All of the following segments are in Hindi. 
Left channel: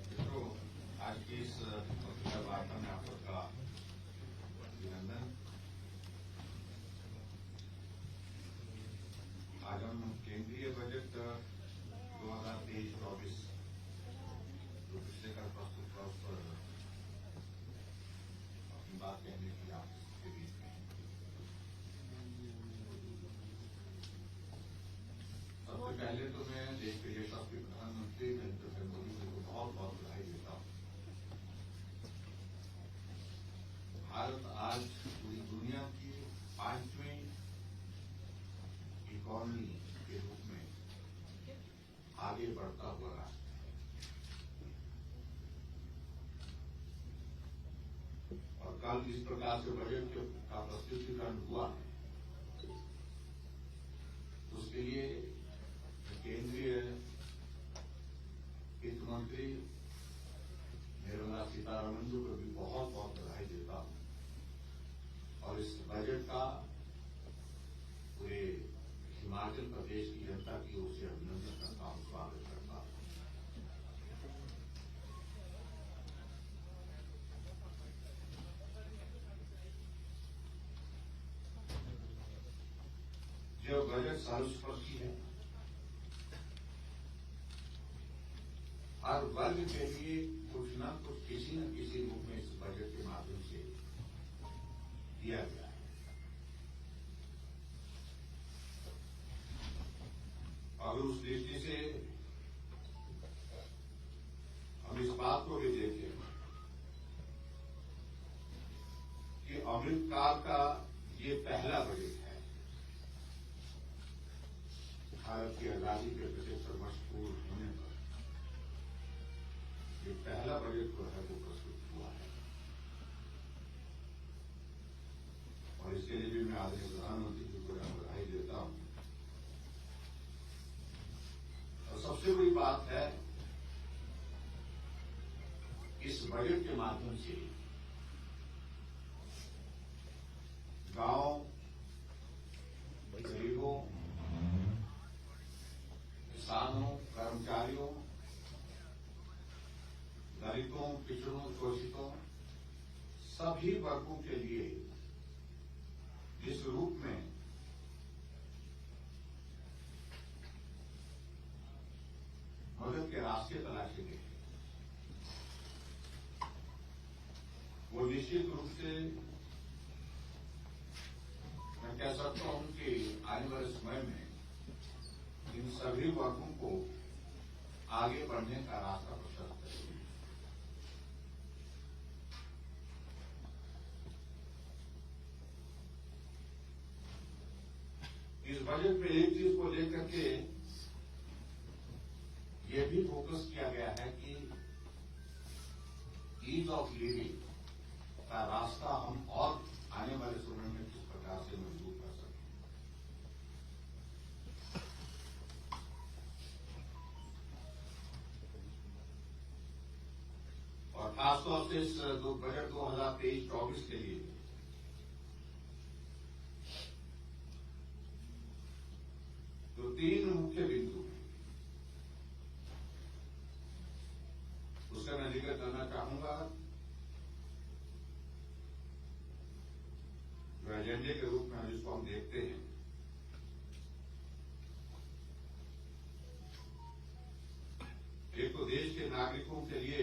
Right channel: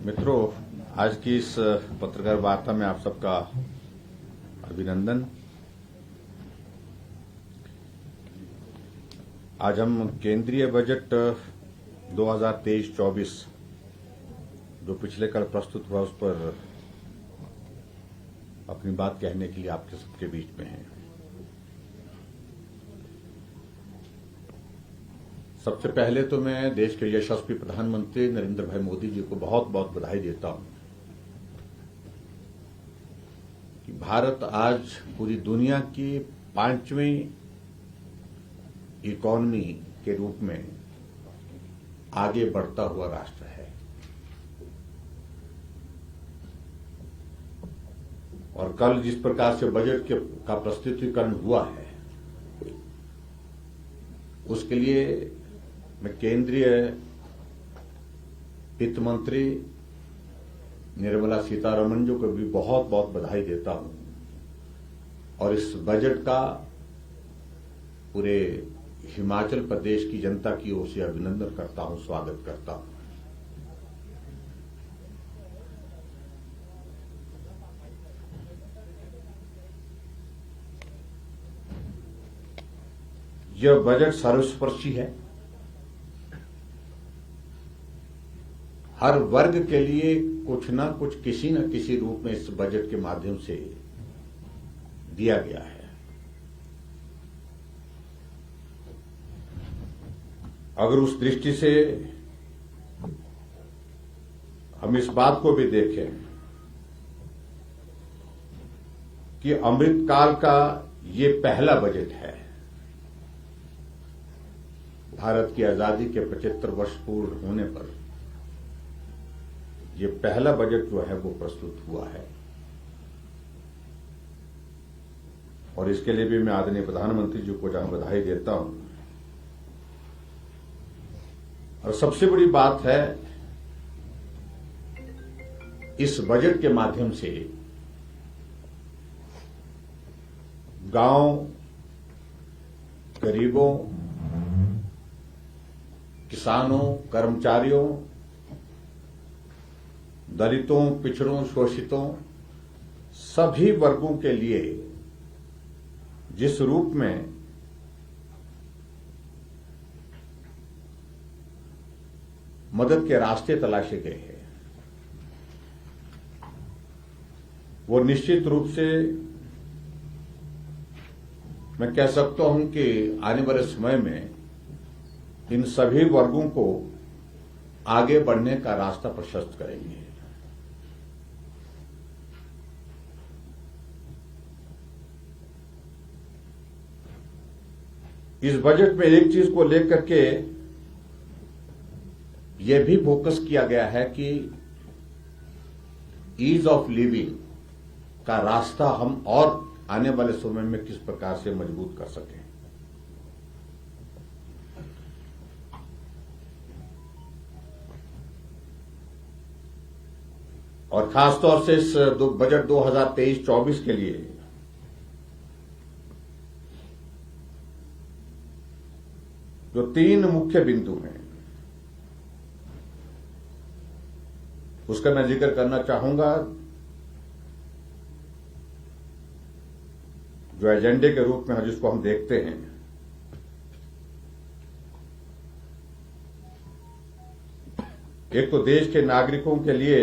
मित्रों, आज की इस पत्रकार वार्ता में आप सबका अभिनंदन। आज हम केंद्रीय बजट 2023-24 जो पिछले कल प्रस्तुत हुआ उस पर अपनी बात कहने के लिए आपके सबके बीच में हैं। सबसे पहले तो मैं देश के यशस्वी प्रधानमंत्री नरेंद्र भाई मोदी जी को बहुत बहुत बधाई देता हूं कि भारत आज पूरी दुनिया की 5वीं इकोनॉमी के रूप में आगे बढ़ता हुआ राष्ट्र है और कल जिस प्रकार से बजट का प्रस्तुतिकरण हुआ है उसके लिए मैं केंद्रीय वित्त मंत्री निर्मला सीतारमण जी को भी बहुत बहुत बधाई देता हूं और इस बजट का पूरे हिमाचल प्रदेश की जनता की ओर से अभिनंदन करता हूं, स्वागत करता हूं। यह बजट सर्वस्पर्शी है। हर वर्ग के लिए कुछ न कुछ किसी न किसी रूप में इस बजट के माध्यम से दिया गया है। अगर उस दृष्टि से हम इस बात को भी देखें कि अमृतकाल का ये पहला बजट है। भारत की आजादी के 75 वर्ष पूर्ण होने पर ये पहला बजट जो है वो प्रस्तुत हुआ है और इसके लिए भी मैं आदरणीय प्रधानमंत्री जी को जहां बधाई देता हूं। और सबसे बड़ी बात है, इस बजट के माध्यम से गांव, गरीबों, किसानों, कर्मचारियों, दलितों, पिछड़ों, शोषितों, सभी वर्गों के लिए जिस रूप में मदद के रास्ते तलाशे गए हैं वो निश्चित रूप से मैं कह सकता हूं कि आने वाले समय में इन सभी वर्गों को आगे बढ़ने का रास्ता प्रशस्त करेंगे। इस बजट में एक चीज को लेकर के यह भी फोकस किया गया है कि ईज ऑफ लिविंग का रास्ता हम और आने वाले समय में किस प्रकार से मजबूत कर सकें। और खासतौर से इस बजट 2023-24 के लिए जो 3 मुख्य बिंदु हैं उसका मैं जिक्र करना चाहूंगा, जो एजेंडे के रूप में जिसको हम देखते हैं। एक तो देश के नागरिकों के लिए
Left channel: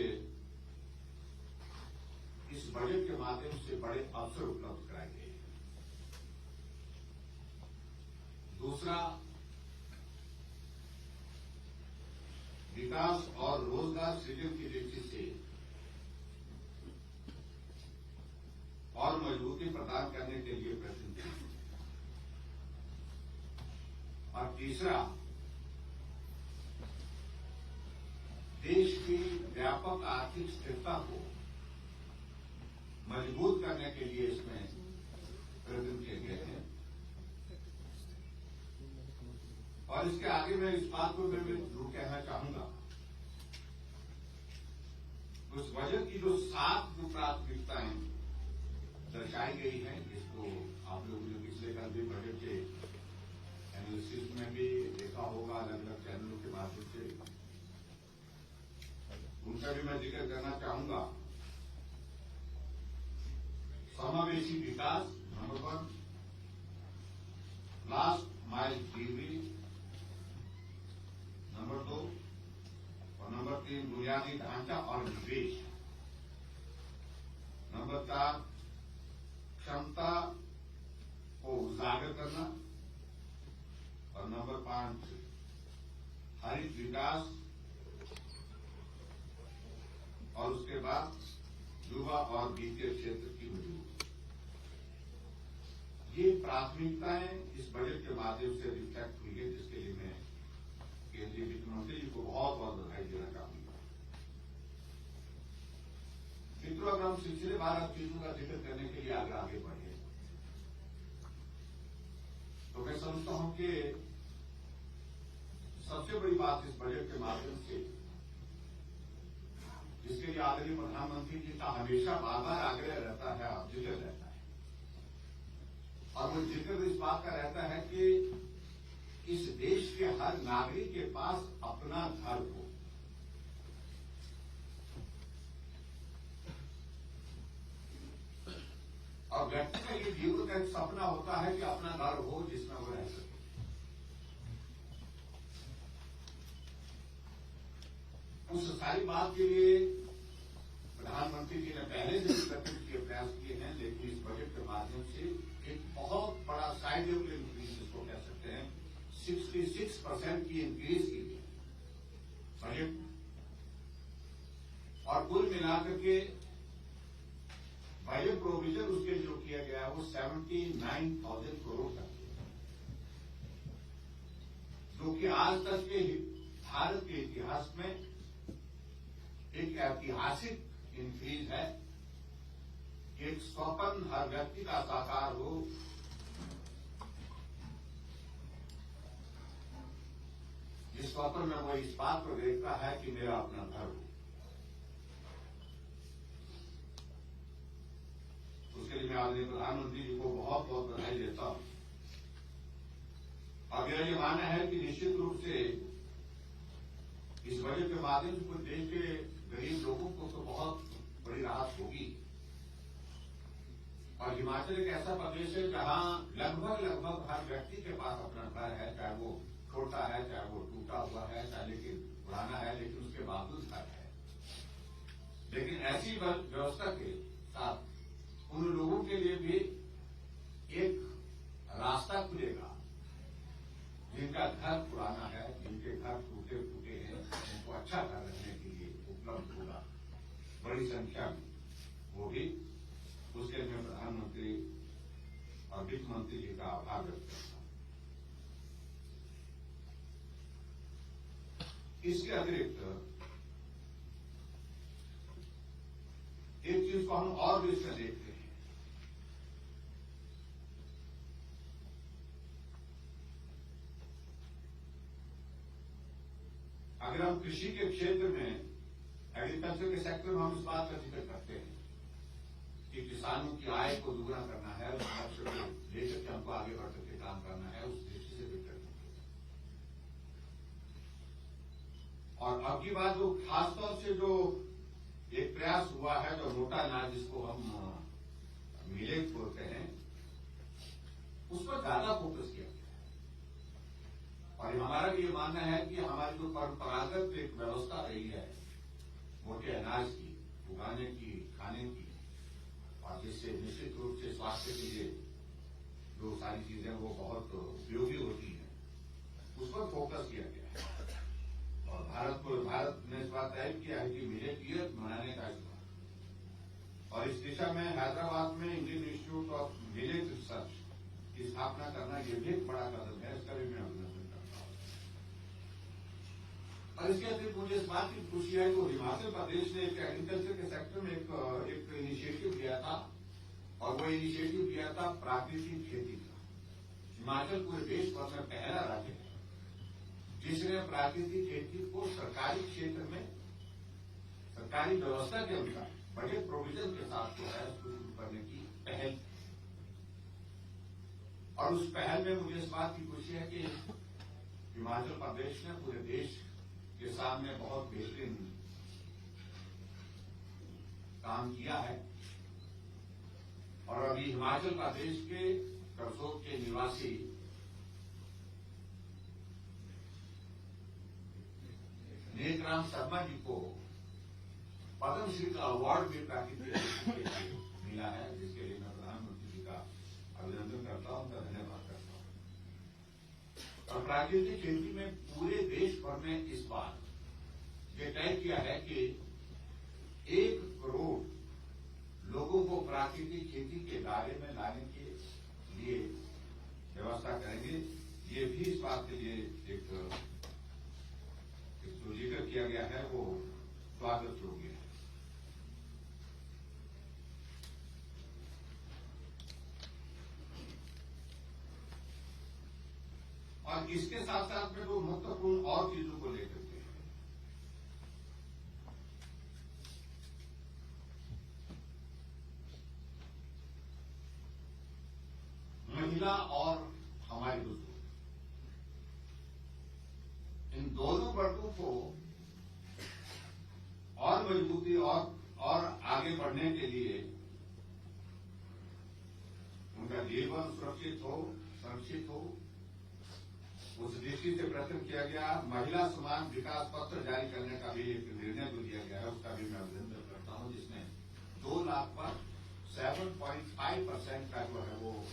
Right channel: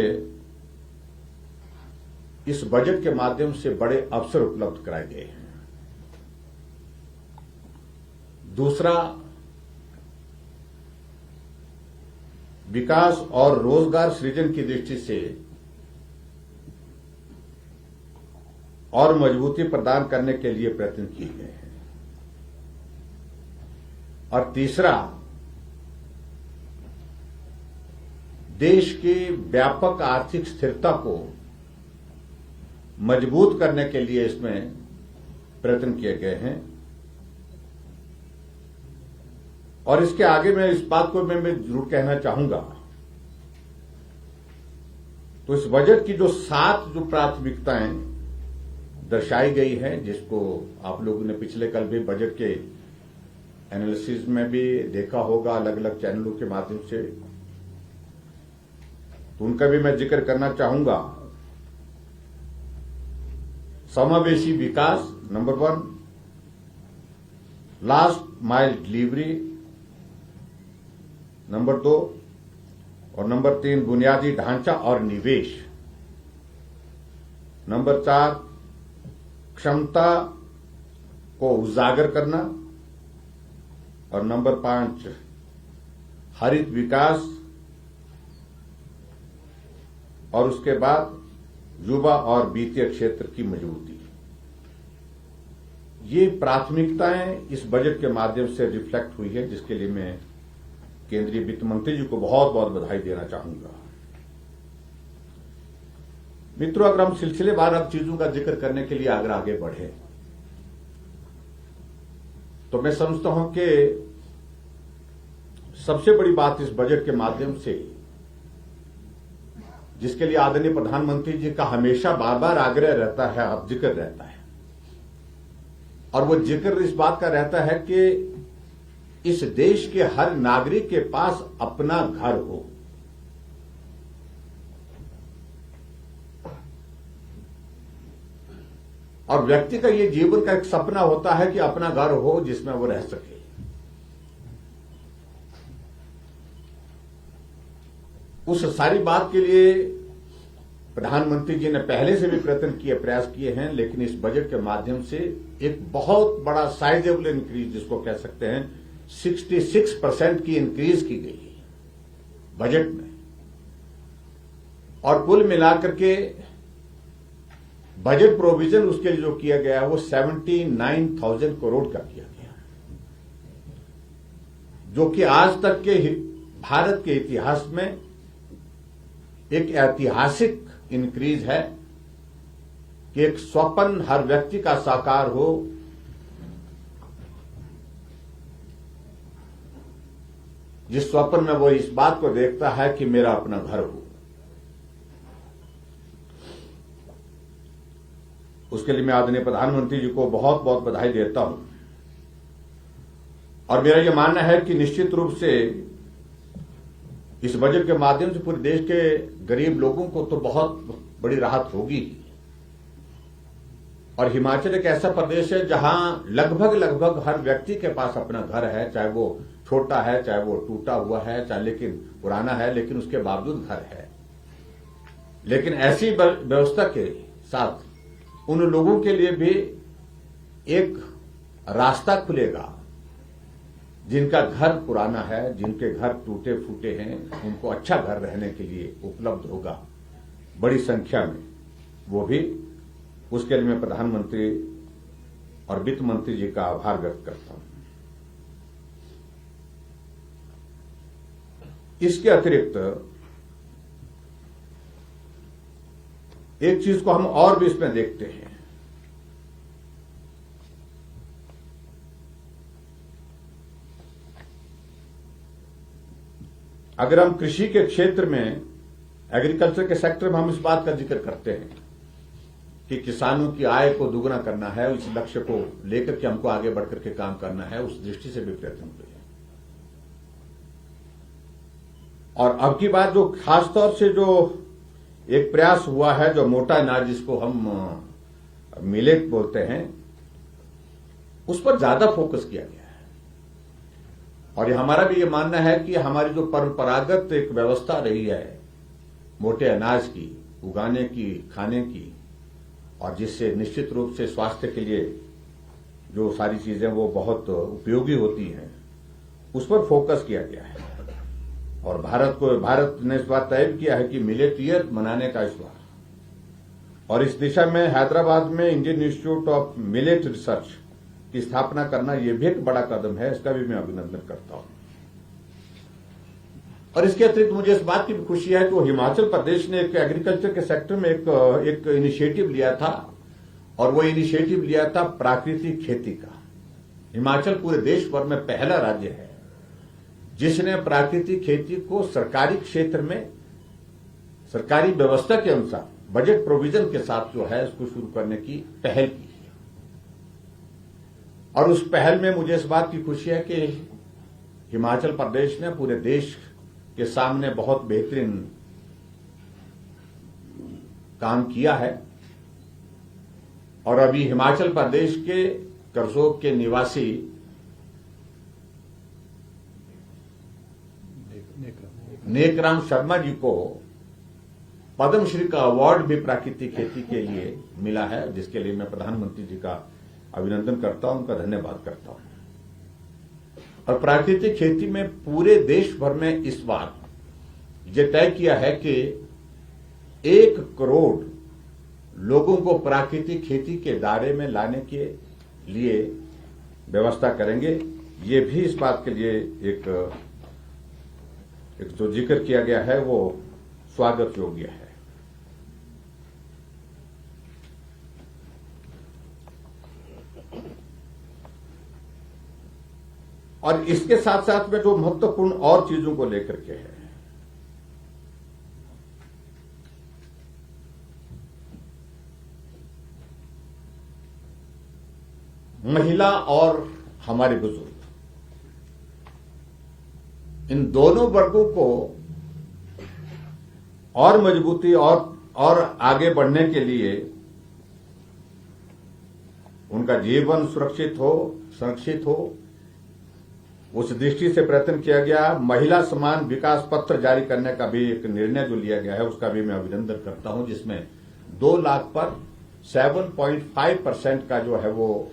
इस बजट के माध्यम से बड़े अवसर उपलब्ध कराए गए हैं। दूसरा, विकास और रोजगार सृजन की दृष्टि से और मजबूती प्रदान करने के लिए प्रयत्न किए गए हैं। और तीसरा, देश की व्यापक आर्थिक स्थिरता को मजबूत करने के लिए इसमें प्रयत्न किए गए हैं। और इसके आगे मैं इस बात को मैं जरूर कहना चाहूंगा, तो इस बजट की जो 7 जो प्राथमिकताएं दर्शाई गई है, जिसको आप लोगों ने पिछले कल भी बजट के एनालिसिस में भी देखा होगा अलग अलग चैनलों के माध्यम से, तो उनका भी मैं जिक्र करना चाहूंगा। समावेशी विकास number 1, last mile delivery number 2 और नंबर 3 बुनियादी ढांचा और निवेश, नंबर 4 क्षमता को उजागर करना और नंबर 5 हरित विकास और उसके बाद युवा और वित्तीय क्षेत्र की मजबूती। ये प्राथमिकताएं इस बजट के माध्यम से रिफ्लेक्ट हुई है, जिसके लिए मैं केंद्रीय वित्त मंत्री जी को बहुत बहुत बधाई देना चाहूंगा। मित्रों, अगर हम सिलसिलेवार अब चीजों का जिक्र करने के लिए अगर आगे बढ़े तो मैं समझता हूं कि सबसे बड़ी बात इस बजट के माध्यम से, जिसके लिए आदरणीय प्रधानमंत्री जी का हमेशा बार बार आग्रह रहता है, अब जिक्र रहता है, और वो जिक्र इस बात का रहता है कि इस देश के हर नागरिक के पास अपना घर हो। और व्यक्ति का ये जीवन का एक सपना होता है कि अपना घर हो जिसमें वो रह सके। उस सारी बात के लिए प्रधानमंत्री जी ने पहले से भी प्रयास किए हैं, लेकिन इस बजट के माध्यम से एक बहुत बड़ा साइजेबल इंक्रीज, जिसको कह सकते हैं 66% की इंक्रीज की गई है बजट में, और कुल मिलाकर के बजट प्रोविजन उसके लिए जो किया गया है वो 79,000 करोड़ का किया गया, जो कि आज तक के भारत के इतिहास में एक ऐतिहासिक इंक्रीज है कि एक स्वप्न हर व्यक्ति का साकार हो, जिस स्वप्न में वो इस बात को देखता है कि मेरा अपना घर हो। उसके लिए मैं आदरणीय प्रधानमंत्री जी को बहुत बहुत बधाई देता हूं, और मेरा यह मानना है कि निश्चित रूप से इस बजट के माध्यम से पूरे देश के गरीब लोगों को तो बहुत बड़ी राहत होगी। और हिमाचल एक ऐसा प्रदेश है जहां लगभग हर व्यक्ति के पास अपना घर है, चाहे वो छोटा है, चाहे वो टूटा हुआ है, चाहे लेकिन पुराना है, लेकिन उसके बावजूद घर है। लेकिन ऐसी व्यवस्था के साथ उन लोगों के लिए भी एक रास्ता खुलेगा जिनका घर पुराना है, जिनके घर टूटे फूटे हैं, उनको अच्छा घर रहने के लिए उपलब्ध होगा बड़ी संख्या में। वो भी उसके लिए मैं प्रधानमंत्री और वित्त मंत्री जी का आभार व्यक्त करता हूं। इसके अतिरिक्त एक चीज को हम और भी इसमें देखते हैं। अगर हम कृषि के क्षेत्र में, एग्रीकल्चर के सेक्टर में हम इस बात का जिक्र करते हैं कि किसानों की आय को दुगना करना है, उस लक्ष्य को लेकर के हमको आगे बढ़कर के काम करना है, उस दृष्टि से भी प्रयत्न हुए। और अब की बात जो खासतौर से जो एक प्रयास हुआ है, जो मोटा अनाज जिसको हम मिलेट बोलते हैं, उस पर ज्यादा फोकस किया गया है। और हमारा भी ये मानना है कि हमारी जो परंपरागत एक व्यवस्था रही है मोटे अनाज की उगाने की, खाने की, और जिससे निश्चित रूप से स्वास्थ्य के लिए जो सारी चीजें वो बहुत उपयोगी होती हैं, उस पर फोकस किया गया है। और भारत ने इस बार तय किया है कि मिलेट ईयर मनाने का इस बार, और इस दिशा में हैदराबाद में Indian institute of millet research की स्थापना करना यह भी एक बड़ा कदम है। इसका भी मैं अभिनंदन करता हूं। और इसके अतिरिक्त मुझे इस बात की भी खुशी है कि हिमाचल प्रदेश ने एक एग्रीकल्चर के सेक्टर में एक इनिशिएटिव लिया था, और वो इनिशिएटिव लिया था प्राकृतिक खेती का। हिमाचल पूरे देश भर में पहला राज्य है जिसने प्राकृतिक खेती को सरकारी क्षेत्र में सरकारी व्यवस्था के अनुसार बजट प्रोविजन के साथ जो है इसको शुरू करने की पहल की। और उस पहल में मुझे इस बात की खुशी है कि हिमाचल प्रदेश ने पूरे देश के सामने बहुत बेहतरीन काम किया है और अभी हिमाचल प्रदेश के करसोग के निवासी नेकराम शर्मा जी को पद्मश्री का अवार्ड भी प्राकृतिक खेती के लिए मिला है, जिसके लिए मैं प्रधानमंत्री जी का अभिनंदन करता हूं, उनका धन्यवाद करता हूं। और प्राकृतिक खेती में पूरे देश भर में इस बार यह तय किया है कि 1 करोड़ लोगों को प्राकृतिक खेती के दायरे में लाने के लिए व्यवस्था करेंगे। ये भी इस बात के लिए एक जो जिक्र किया गया है वो स्वागत योग्य है। और इसके साथ साथ में जो महत्वपूर्ण और चीजों को लेकर के है, महिला और हमारे बुजुर्ग, इन दोनों वर्गों को और मजबूती और आगे बढ़ने के लिए उनका जीवन संरक्षित हो उस दृष्टि से प्रयत्न किया गया। महिला समान विकास पत्र जारी करने का भी एक निर्णय जो लिया गया है उसका भी मैं अभिनंदन करता हूं, जिसमें 2 लाख पर 7.5% का जो है वो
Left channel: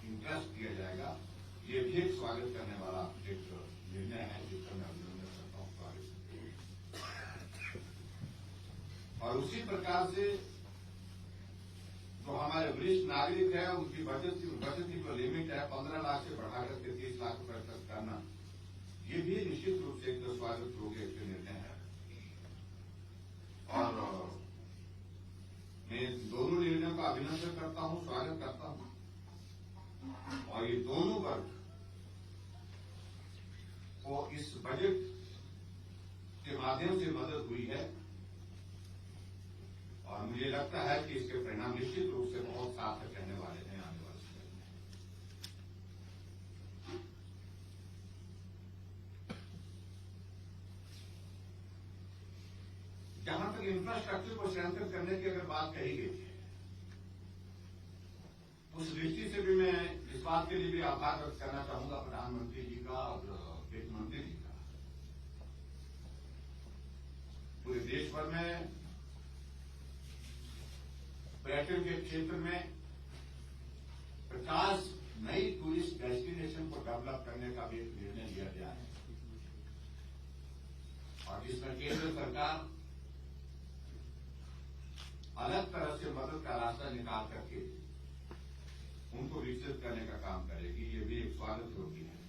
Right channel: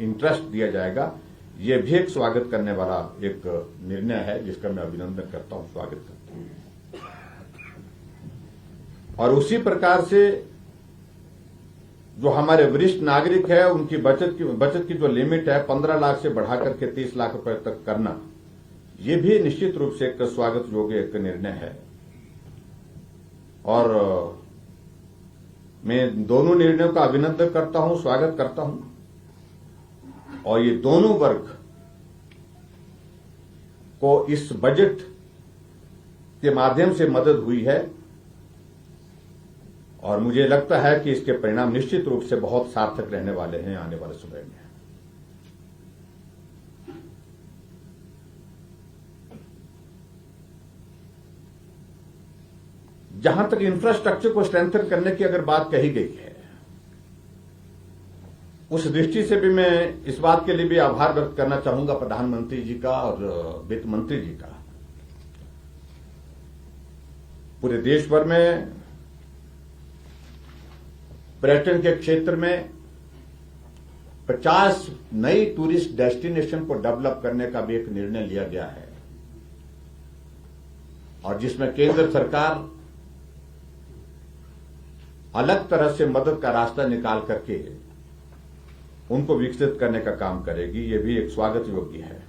इंटरेस्ट दिया जाएगा। ये भी एक स्वागत करने वाला एक निर्णय है, जिसका मैं अभिनंदन करता हूं, स्वागत करता हूं। और उसी प्रकार से जो हमारे वरिष्ठ नागरिक है उनकी बचत की जो लिमिट है 15 लाख से बढ़ाकर के 30 लाख रुपए तक करना, ये भी निश्चित रूप से एक स्वागत योग्य एक निर्णय है। और मैं दोनों निर्णयों का अभिनंदन करता हूं, स्वागत करता हूं। और ये दोनों वर्ग को इस बजट के माध्यम से मदद हुई है और मुझे लगता है कि इसके परिणाम निश्चित रूप से बहुत सार्थक रहने वाले हैं आने वाले समय में। जहां तक इंफ्रास्ट्रक्चर को स्ट्रेंथन करने की अगर बात कही गई है, उस दृष्टि से भी मैं इस बात के लिए भी आभार व्यक्त करना चाहूंगा प्रधानमंत्री जी का और वित्त मंत्री जी का। पूरे देश भर में पर्यटन के क्षेत्र में 50 नई टूरिस्ट डेस्टिनेशन को डेवलप करने का भी एक निर्णय लिया गया है और जिसमें केंद्र सरकार अलग तरह से मदद का रास्ता निकाल करके उनको विकसित करने का काम करेगी। ये भी एक स्वागत योग्य है।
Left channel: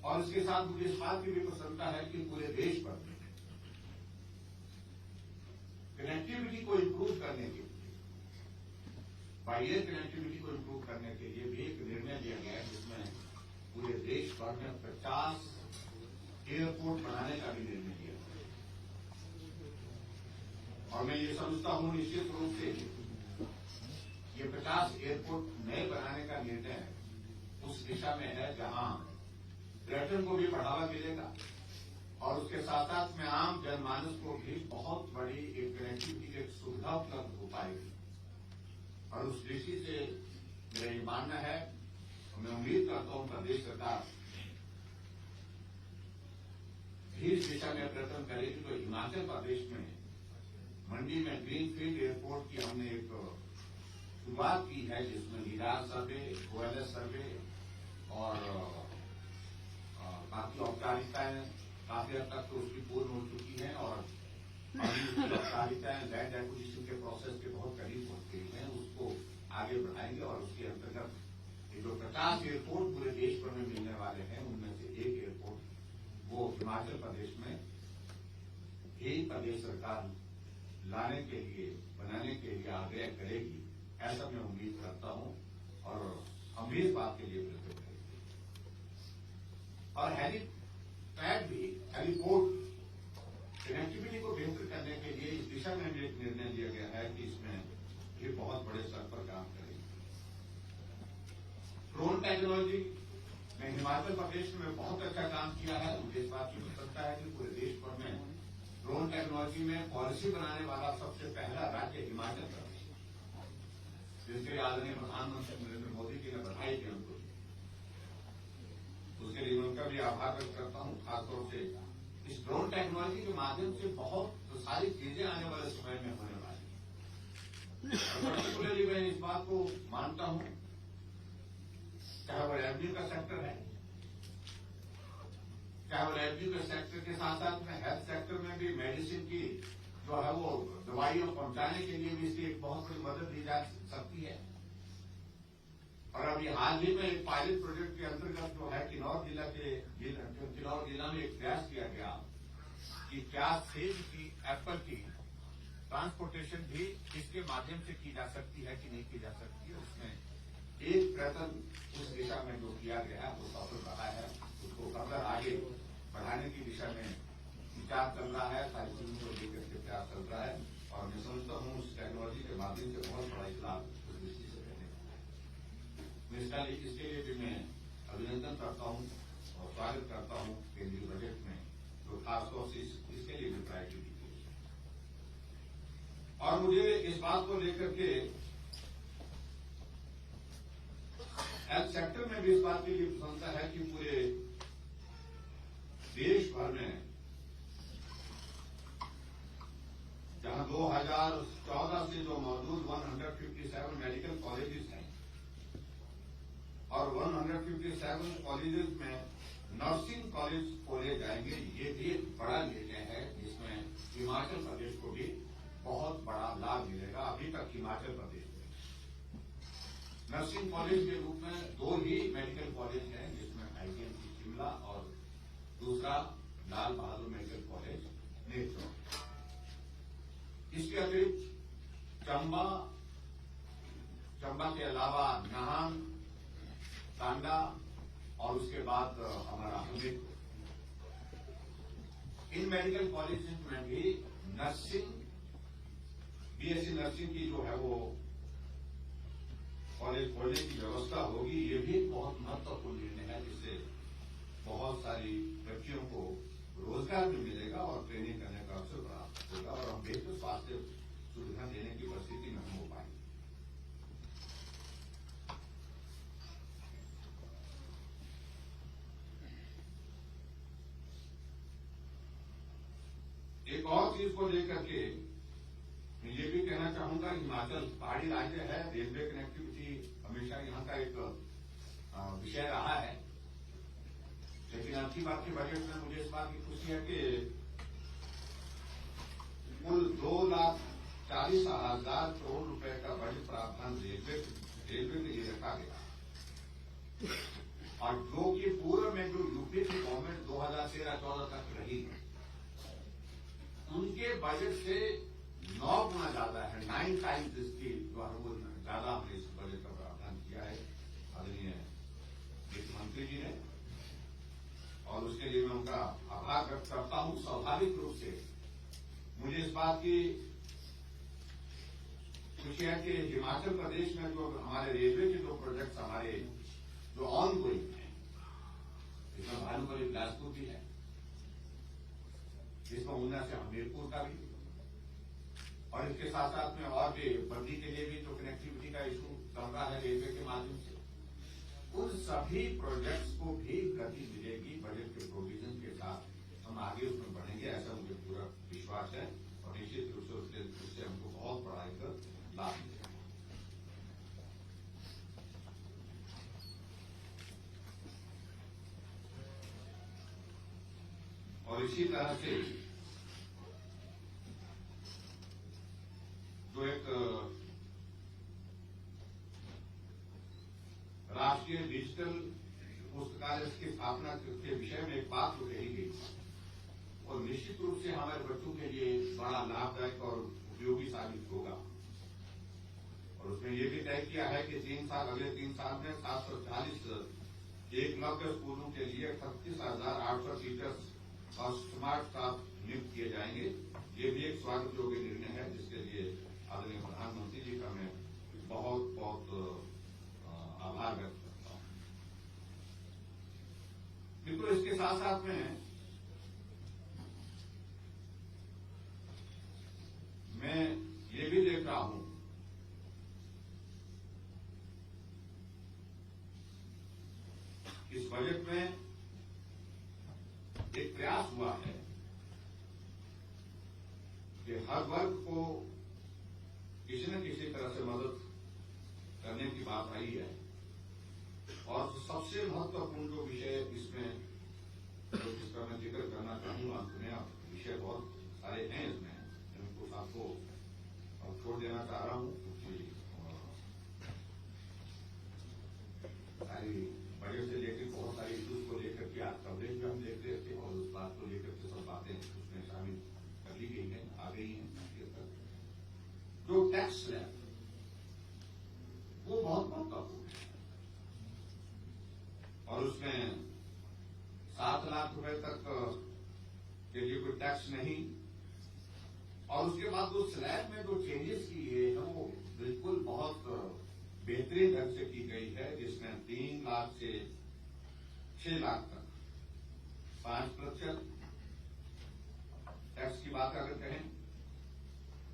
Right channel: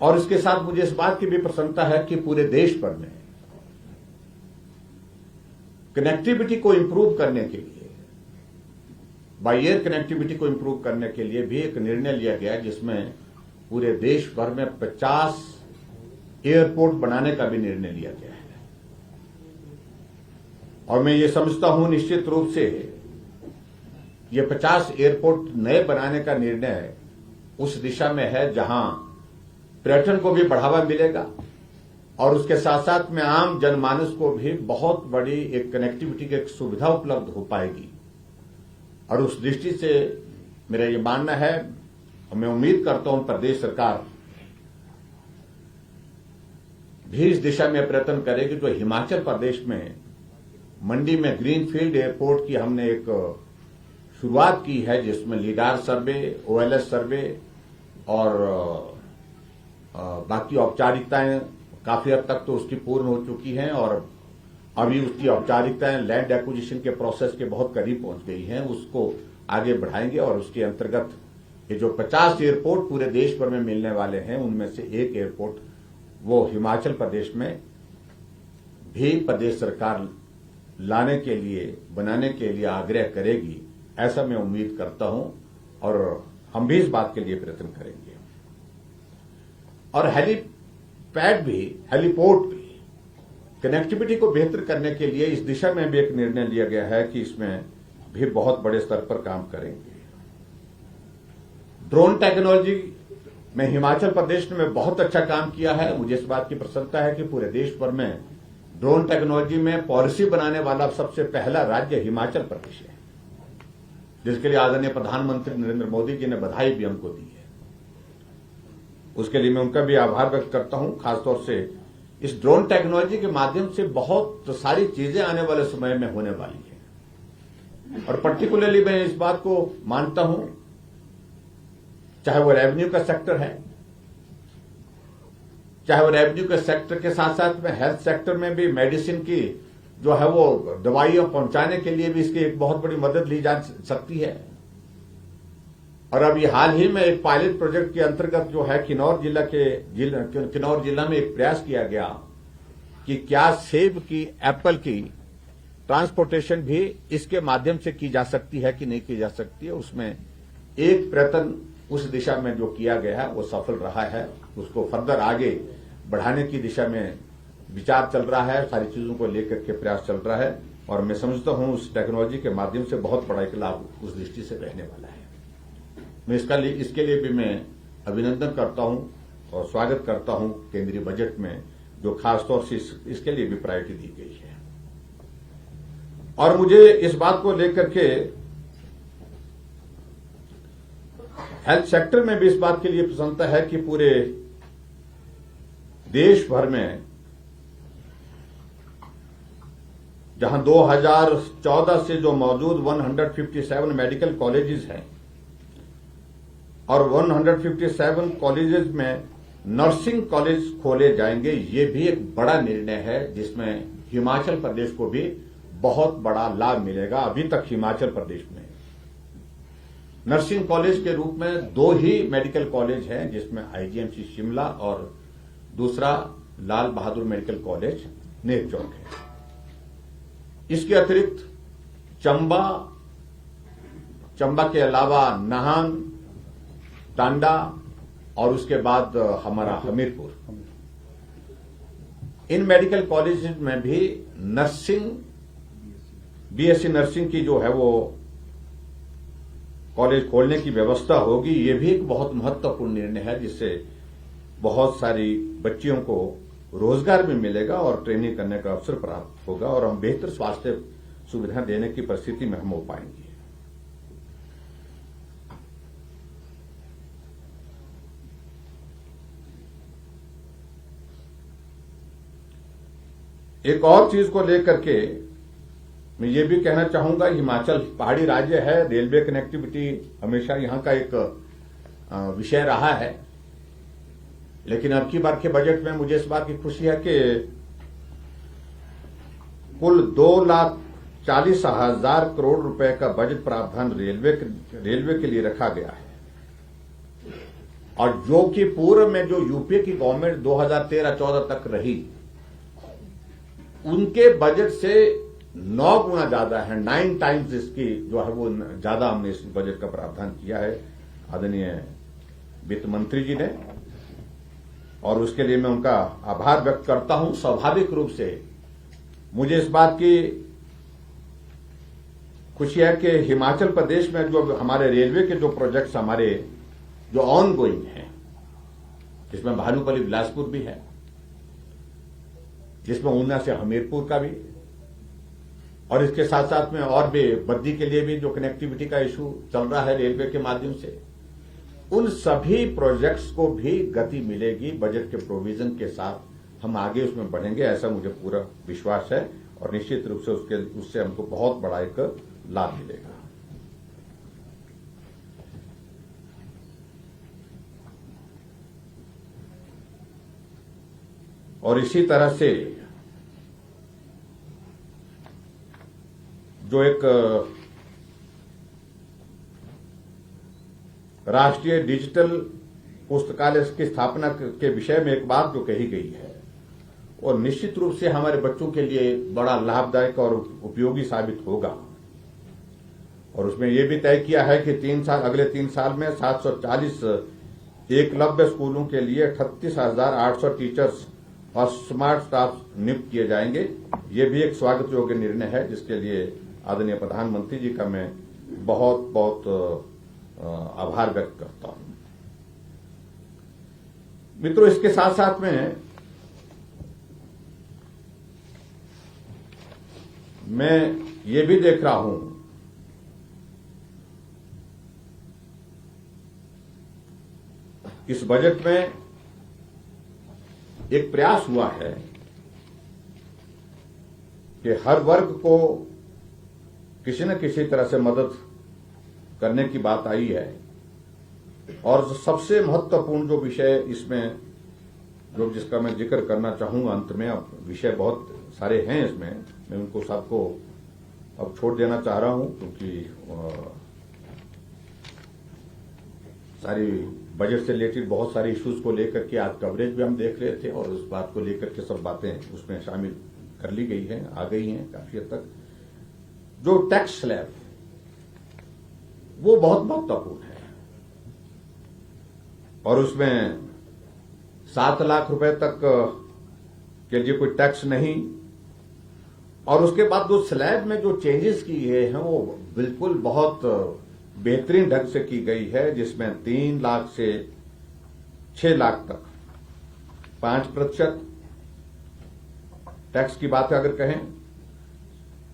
और इसके साथ मुझे इस बात की भी प्रसन्नता है कि पूरे देश भर में कनेक्टिविटी को इंप्रूव करने के लिए, बाय एयर कनेक्टिविटी को इंप्रूव करने के लिए भी एक निर्णय लिया गया है, जिसमें पूरे देश भर में 50 एयरपोर्ट बनाने का भी निर्णय लिया गया है। और मैं ये समझता हूं निश्चित रूप से ये 50 एयरपोर्ट नए बनाने का निर्णय उस दिशा में है जहां पर्यटन को भी बढ़ावा मिलेगा और उसके साथ साथ में आम जनमानस को भी बहुत बड़ी एक कनेक्टिविटी की एक सुविधा उपलब्ध हो पाएगी। और उस दृष्टि से मेरा ये मानना है और मैं उम्मीद करता हूं प्रदेश सरकार भी इस दिशा में प्रयत्न करेगी। तो हिमाचल प्रदेश में मंडी में ग्रीनफील्ड एयरपोर्ट की हमने एक शुरुआत की है, जिसमें लीडार सर्वे, ओएलएस सर्वे और बाकी औपचारिकताएं काफी हद तक तो उसकी पूर्ण हो चुकी हैं और अभी उसकी औपचारिकताएं लैंड एक्विजिशन के प्रोसेस के बहुत करीब पहुंच गई हैं। उसको आगे बढ़ाएंगे और उसके अंतर्गत ये जो 50 एयरपोर्ट पूरे देश भर में मिलने वाले हैं, उनमें से एक एयरपोर्ट वो हिमाचल प्रदेश में भी प्रदेश सरकार लाने के लिए, बनाने के लिए आग्रह करेगी, ऐसा मैं उम्मीद करता हूं और हम भी इस बात के लिए प्रयत्न करेंगे। और हेलीपोर्ट भी कनेक्टिविटी को बेहतर करने के लिए इस दिशा में भी एक निर्णय लिया गया है कि इसमें भी बहुत बड़े स्तर पर काम करेंगे। ड्रोन टेक्नोलॉजी में हिमाचल प्रदेश ने बहुत अच्छा काम किया है। मुझे इस बात की प्रसन्नता है कि पूरे देश भर में ड्रोन टेक्नोलॉजी में पॉलिसी बनाने वाला सबसे पहला राज्य हिमाचल प्रदेश है, जिसके लिए आदरणीय प्रधानमंत्री नरेंद्र मोदी जी ने बधाई भी हमको दी है। उसके लिए मैं उनका भी आभार व्यक्त करता हूं। खासतौर से इस ड्रोन टेक्नोलॉजी के माध्यम से बहुत सारी चीजें आने वाले समय में होने वाली है, और पर्टिकुलरली मैं इस बात को मानता हूं, चाहे वो रेवेन्यू का सेक्टर है, चाहे वो रेवेन्यू के सेक्टर के साथ साथ में हेल्थ सेक्टर में भी मेडिसिन की जो है वो दवाइयां पहुंचाने के लिए भी इसकी एक बहुत बड़ी मदद ली जा सकती है। और अभी हाल ही में एक पायलट प्रोजेक्ट के अंतर्गत जो है किन्नौर जिला में एक प्रयास किया गया कि क्या सेब की, एप्पल की ट्रांसपोर्टेशन भी इसके माध्यम से की जा सकती है कि नहीं की जा सकती है। उसमें एक प्रयत्न उस दिशा में जो किया गया है वो सफल रहा है। उसको फर्दर आगे बढ़ाने की दिशा में विचार चल रहा है, सारी चीजों को लेकर के प्रयास चल रहा है, और मैं समझता हूं उस टेक्नोलॉजी के माध्यम से बहुत बड़ा एक लाभ उस दृष्टि से रहने वाला है। मैं इसके लिए भी मैं अभिनंदन करता हूं और स्वागत करता हूं केंद्रीय बजट में, जो खासतौर से इसके लिए भी प्रायोरिटी दी गई है। और मुझे इस बात को लेकर के हेल्थ सेक्टर में भी इस बात के लिए प्रसन्नता है कि पूरे देश भर में जहां 2014 से जो मौजूद 157 मेडिकल कॉलेजेस हैं, और 157 कॉलेजेस में नर्सिंग कॉलेज खोले जाएंगे, ये भी एक बड़ा निर्णय है जिसमें हिमाचल प्रदेश को भी बहुत बड़ा लाभ मिलेगा। अभी तक हिमाचल प्रदेश में नर्सिंग कॉलेज के रूप में 2 ही मेडिकल कॉलेज हैं, जिसमें आईजीएमसी शिमला और दूसरा लाल बहादुर मेडिकल कॉलेज नेरचौक है। इसके अतिरिक्त चंबा के अलावा नाहन, टांडा और उसके बाद हमारा हमीरपुर, इन मेडिकल कॉलेज में भी नर्सिंग, बीएससी नर्सिंग की जो है वो कॉलेज खोलने की व्यवस्था होगी। ये भी एक बहुत महत्वपूर्ण निर्णय है, जिससे बहुत सारी बच्चियों को रोजगार भी मिलेगा और ट्रेनिंग करने का अवसर प्राप्त होगा, और हम बेहतर स्वास्थ्य सुविधा देने की परिस्थिति में हम हो पाएंगे। एक और चीज को लेकर के मैं ये भी कहना चाहूंगा, हिमाचल पहाड़ी राज्य है, रेलवे कनेक्टिविटी हमेशा यहां का एक विषय रहा है, लेकिन अब की बार के बजट में मुझे इस बात की खुशी है कि कुल 2,40,000 करोड़ रुपए का बजट प्रावधान रेलवे के लिए रखा गया है, और जो कि पूर्व में जो यूपीए की गवर्नमेंट 2013-14 तक रही, उनके बजट से 9 गुना ज्यादा है, 9 टाइम्स इसकी जो है वो ज्यादा हमने इस बजट का प्रावधान किया है आदरणीय वित्त मंत्री जी ने, और उसके लिए मैं उनका आभार व्यक्त करता हूं। स्वाभाविक रूप से मुझे इस बात की खुशी है कि हिमाचल प्रदेश में जो हमारे रेलवे के जो प्रोजेक्ट्स हमारे जो ऑन गोइंग हैं, जिसमें भानुपल्ली बिलासपुर भी है, जिसमें ऊना से हमीरपुर का भी, और इसके साथ साथ में और भी बद्दी के लिए भी जो कनेक्टिविटी का इशू चल रहा है रेलवे के माध्यम से, उन सभी प्रोजेक्ट्स को भी गति मिलेगी। बजट के प्रोविजन के साथ हम आगे उसमें बढ़ेंगे, ऐसा मुझे पूरा विश्वास है, और निश्चित रूप से उससे हमको बहुत बड़ा एक लाभ मिलेगा। और इसी तरह से जो एक राष्ट्रीय डिजिटल पुस्तकालय की स्थापना के विषय में एक बात जो कही गई है, और निश्चित रूप से हमारे बच्चों के लिए बड़ा लाभदायक और उपयोगी साबित होगा। और उसमें यह भी तय किया है कि अगले 3 साल में 740 एकलव्य स्कूलों के लिए 38,800 टीचर्स और स्मार्ट स्टाफ नियुक्त किए जाएंगे। ये भी एक स्वागत योग्य निर्णय है, जिसके लिए आदरणीय प्रधानमंत्री जी का मैं बहुत बहुत आभार व्यक्त करता हूं। मित्रों, इसके साथ साथ में मैं ये भी देख रहा हूं इस बजट में एक प्रयास हुआ है कि हर वर्ग को किसी न किसी तरह से मदद करने की बात आई है। और सबसे महत्वपूर्ण जो विषय इसमें जिसका मैं जिक्र करना चाहूंगा अंत में, अब विषय बहुत सारे हैं इसमें, मैं उनको सबको अब छोड़ देना चाह रहा हूं क्योंकि सारी बजट से रिलेटेड बहुत सारे इश्यूज को लेकर के आज कवरेज भी हम देख रहे थे और उस बात को लेकर के सब बातें उसमें शामिल कर ली गई हैं, आ गई हैं काफी हद तक। जो टैक्स स्लैब वो बहुत महत्वपूर्ण है और उसमें 7 लाख रुपए तक के लिए कोई टैक्स नहीं, और उसके बाद जो स्लैब में जो चेंजेस किए हैं वो बिल्कुल बहुत बेहतरीन ढंग से की गई है, जिसमें 3 लाख से 6 लाख तक 5% टैक्स की बात अगर कहें,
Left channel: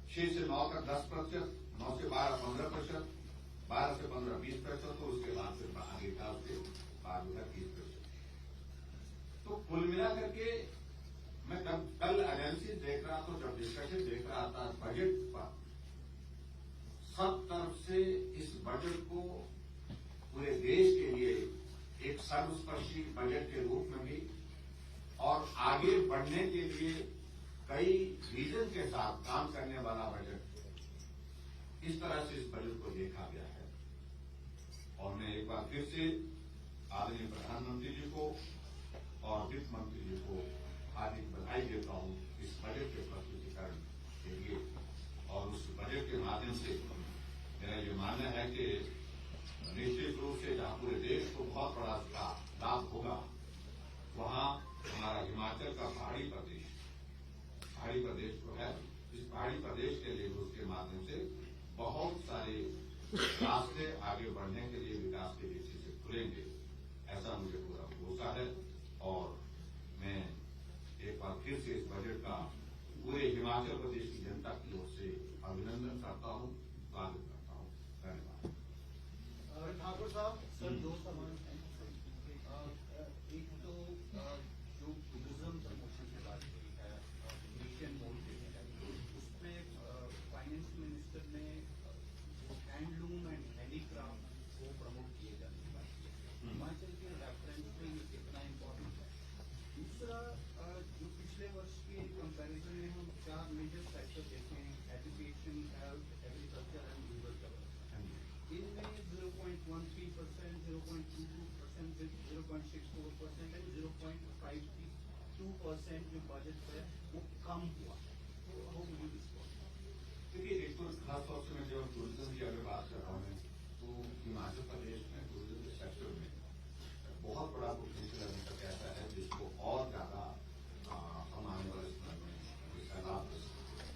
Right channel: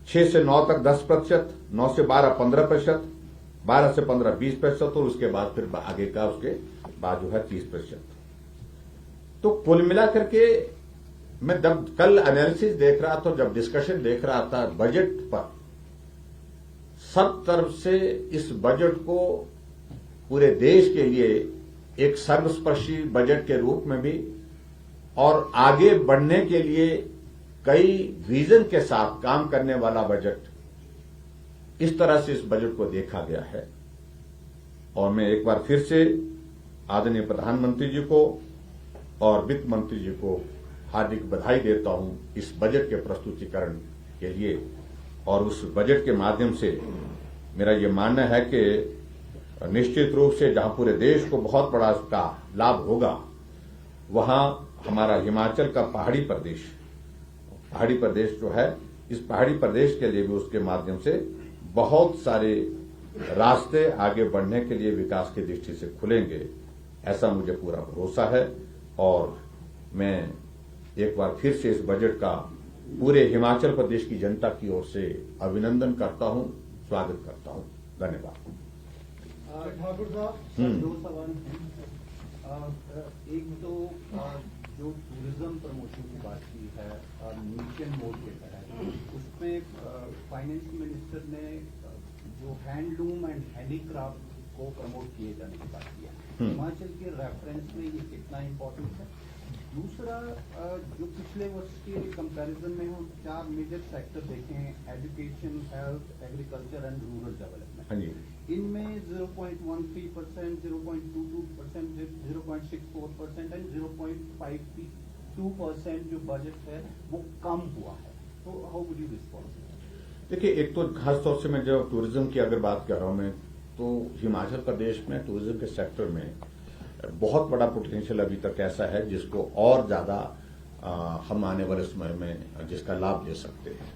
6 से 9 तक 10%, 9 से 12 15%, 12 से 15 20% और उसके बाद फिर आगे का उसके बाद जो है 30%। तो कुल मिला करके मैं जब कल एनालिसिस देख रहा था, जब डिस्कशन देख रहा था बजट पर, सब तरफ से इस बजट को पूरे देश के लिए एक सर्वस्पर्शी बजट के रूप में भी और आगे बढ़ने के लिए कई विजन के साथ काम करने वाला बजट, इस तरह से इस बजट को देखा गया है। और मैं एक बार फिर से आदरणीय प्रधानमंत्री जी को और वित्त मंत्री जी को हार्दिक बधाई देता हूं इस बजट के प्रस्तुतिकरण के लिए। और उस बजट के माध्यम से मेरा ये मानना है कि निश्चित रूप से जहां पूरे देश को बहुत बड़ा इसका लाभ होगा, वहां हमारा हिमाचल का पहाड़ी प्रदेश जो है, इस पहाड़ी प्रदेश के लिए भी उसके माध्यम से बहुत सारे रास्ते आगे बढ़ने के लिए विकास की दृष्टि से खुलेंगे, ऐसा मुझे पूरा भरोसा है। और मैं एक बार फिर से इस बजट का पूरे हिमाचल प्रदेश की जनता की ओर से अभिनंदन करता हूं, स्वागत करता हूं। धन्यवाद। ठाकुर साहब, 2 सवाल हैं। एक तो जो टूरिज्म प्रमोशन की बात की है नेशन मोड के तहत, उसमें फाइनेंस मिनिस्टर ने जो हैंडलूम एंड हैंडीक्राफ्ट को प्रमोट किए जाने की बात की है, हिमाचल के रेफरेंस में ये कितना इम्पोर्टेंट है? दूसरा, जो पिछले वर्ष के कंपैरिजन में हम 4 मेजर सेक्टर देखें, education, health, agriculture and rural development, इनमें 0.13%, 0.22%, 0.64% एंड 0.52% जो बजट है वो कम हुआ है। तो हाउ वुड यू रिस्पॉन्ड? देखिए, एक तो खासतौर से मैं जब टूरिज्म की अगर बात कर रहा हूं मैं, तो हिमाचल प्रदेश में टूरिज्म के सेक्टर में बहुत बड़ा पोटेंशियल अभी तक ऐसा है जिसको और ज्यादा हम आने वाले समय में जिसका लाभ ले सकते हैं।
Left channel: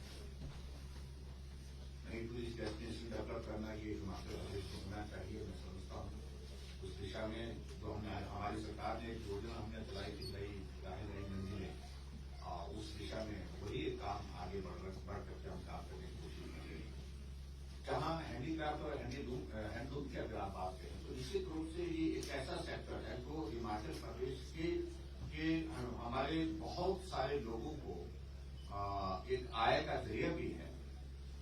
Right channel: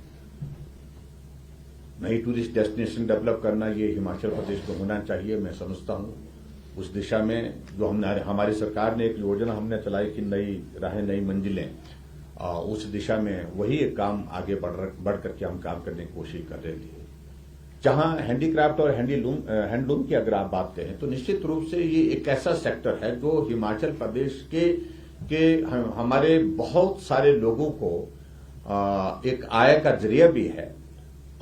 नई टूरिस्ट डेस्टिनेशन डेवलप करना ये हिमाचल प्रदेश को होना चाहिए, मैं समझता हूं। उस दिशा में जो हमारी सरकार ने एक योजना हमने चलाई कि नई राहें नई मंजिलें, उस दिशा में वही एक काम आगे बढ़ करके हम काम करने की कोशिश कर रहे हैं। जहां हैंडीक्राफ्ट और हैंडलूम की अगर आप बात करें तो निश्चित रूप से ये एक ऐसा सेक्टर है जो हिमाचल प्रदेश के हमारे बहुत सारे लोगों को एक आय का जरिया भी है,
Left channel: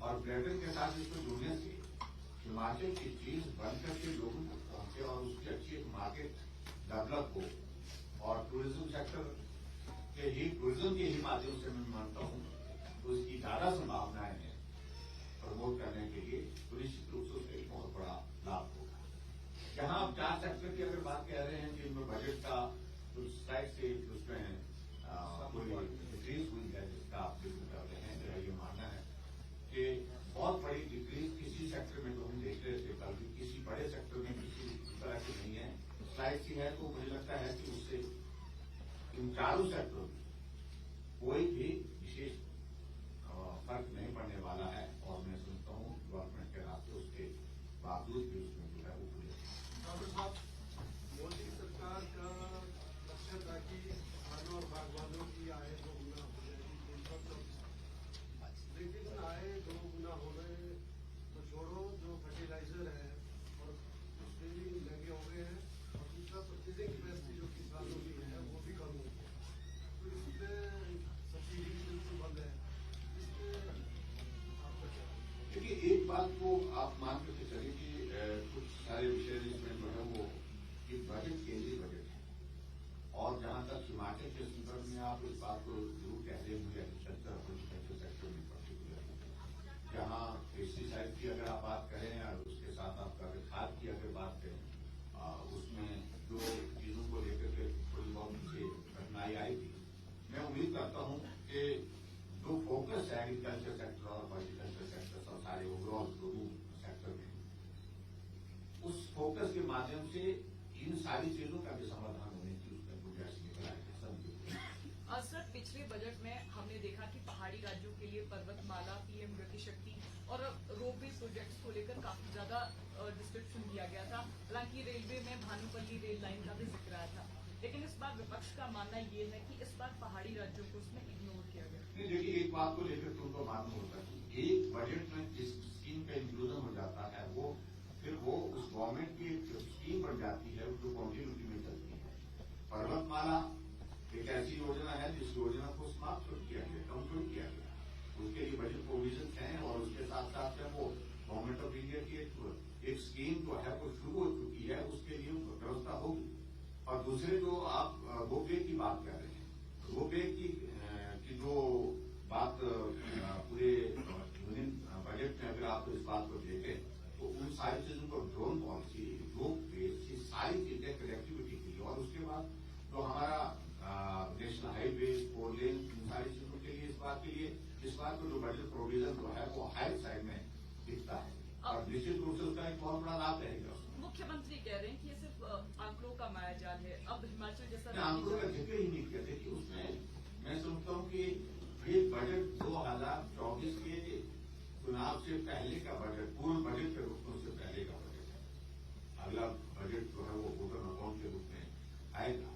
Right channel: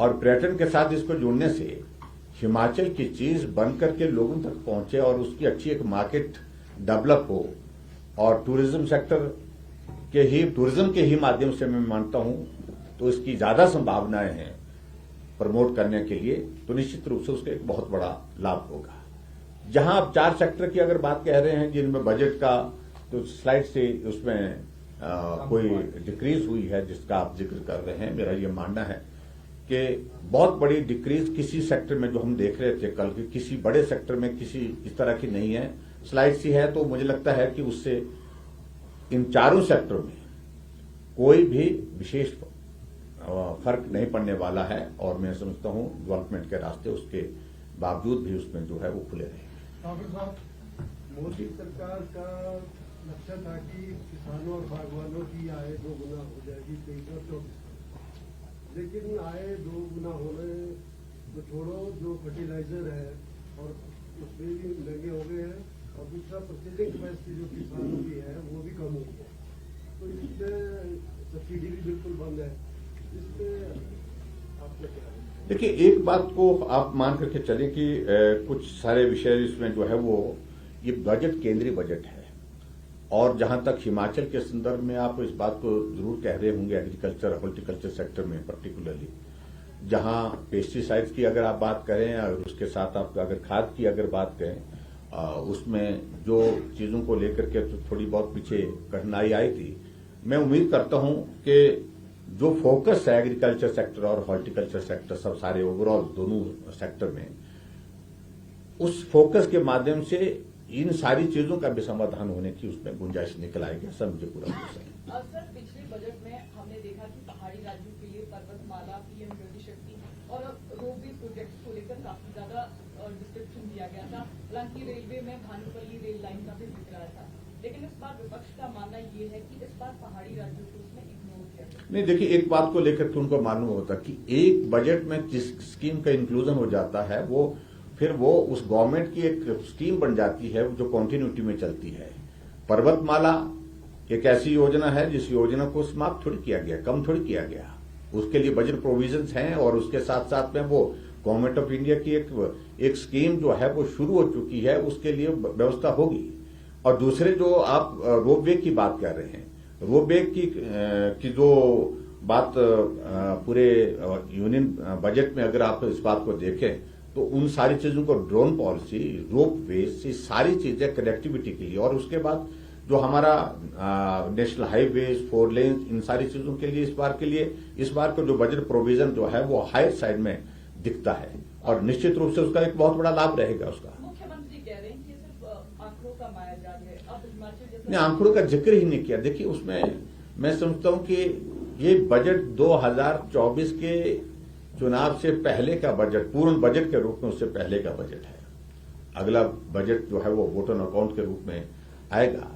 और पर्यटन के साथ इसको जुड़ने से हिमाचल की चीज बन करके लोगों तक पहुंचे और उसकी अच्छी एक मार्केट डेवलप हो, और टूरिज्म सेक्टर टूरिज्म के ही माध्यम से मैं मानता हूं तो इसकी ज्यादा संभावनाएं हैं प्रमोट करने के लिए, तो निश्चित रूप से उसका एक बहुत बड़ा लाभ होगा। जहां आप 4 सेक्टर की अगर बात कह रहे हैं जिनमें बजट का तो स्लाइड से उसमें कोई डिक्रीज हुई है जिसका आप जिक्र कर रहे हैं, मेरा ये मानना है कि बहुत बड़ी डिक्रीज किसी सेक्टर में जो हम देख रहे थे कल, किसी बड़े सेक्टर में किसी इस तरह की नहीं है, स्लाइड सी है। तो मुझे लगता है कि उससे इन 4 सेक्टरों में कोई भी विशेष फर्क नहीं पड़ने वाला है, और मैं समझता हूं डेवलपमेंट के रास्ते उसके बावजूद भी उसमें जो है वो खुले रहे। मोदी सरकार का लक्ष्य था कि किसानों और बागवानों की आय 2 गुना हो जाएगी 2324। लेकिन आए 2 गुना होने तो छोड़ो, जो फर्टिलाइजर है और उसमें भी महंगे हो गए हैं, और दूसरा परचेजिंग कैपेसिटी जो किसानों की है वो भी कम हुई है, तो इसमें सब्सिडी भी बिल्कुल बंद है। इसमें आपका क्या है? देखिए, एक बात को आप मान करके चलें कि कुछ सारे विषय इसमें जो है वो ये बजट केंद्रीय बजट है, और जहां तक हिमाचल के संदर्भ में आप इस बात को जरूर कह रहे होंगे, एग्रीकल्चर हॉर्टिकल्चर सेक्टर में पर्टिकुलरली, जहां पेस्टिसाइड्स की अगर आप बात करें और उसके साथ आप अगर खाद की अगर बात करें, उसमें जो चीजों को लेकर के तो थोड़ी बहुत पीछे कठिनाई आई थी। मैं उम्मीद करता हूं कि जो फोकस है एग्रीकल्चर सेक्टर और हॉर्टिकल्चर सेक्टर, सब सारे ओवरऑल दोनों सेक्टर में, उस फोकस के माध्यम से इन सारी चीजों का भी समाधान होने की उसमें गुंजाइश निकल आएगी, ऐसा मुझे पूरा विश्वास है। सर, पिछले बजट में हमने देखा कि पहाड़ी राज्यों के लिए पर्वतमाला, पीएम गति शक्ति और रोपवे प्रोजेक्ट्स को लेकर काफी ज्यादा डिस्क्रिप्शन दिया गया था। हालांकि रेलवे में भानुपल्ली रेल लाइन का भी जिक्र आया था, लेकिन इस बार विपक्ष का मानना ये है कि इस बार पहाड़ी राज्यों को उसमें इग्नोर किया गया। नहीं, देखिए, एक बात को लेकर के उनको मालूम होता कि एक बजट में जिस स्कीम का इंक्लूजन हो जाता है वो फिर वो उस गवर्नमेंट की एक स्कीम बन जाती है जो कंटिन्यूटी में चलती है। पर्वतमाला एक ऐसी योजना है जिस योजना को समाप्त थोड़ी किया गया, कम थोड़ी किया गया, उसके लिए बजट प्रोविजंस हैं, और उसके साथ साथ में वो गवर्नमेंट ऑफ इंडिया की एक स्कीम जो है वो शुरू हो चुकी है, उसके लिए व्यवस्था होगी। और दूसरे जो आप रोपवे की बात कर रहे हैं, रोपवे की जो बात पूरे यूनियन बजट में अगर आप इस बात को देखें तो उन सारी चीजों को, ड्रोन पॉलिसी, रोपवे, ये सारी चीजें कनेक्टिविटी के लिए, और उसके बाद जो हमारा नेशनल हाईवेज, 4 लेन, इन सारी चीजों के लिए इस बार का जो बजट प्रोविजन जो है वो हायर साइड में दिखता है, और निश्चित रूप से उसका एक बहुत बड़ा लाभ रहेगा उसका। मुख्यमंत्री कह रहे हैं कि सिर्फ आंकड़ों का मायाजाल है, अब हिमाचल जैसा ने आंकड़ों का जिक्र ही नहीं किया। देखिए, उसमें मैं समझता हूं कि ये बजट 2024 के चुनाव से पहले का बजट, पूर्ण बजट के रूप में उससे पहले का बजट है। अगला बजट जो है वो वोट ऑन अकाउंट के रूप में आएगा।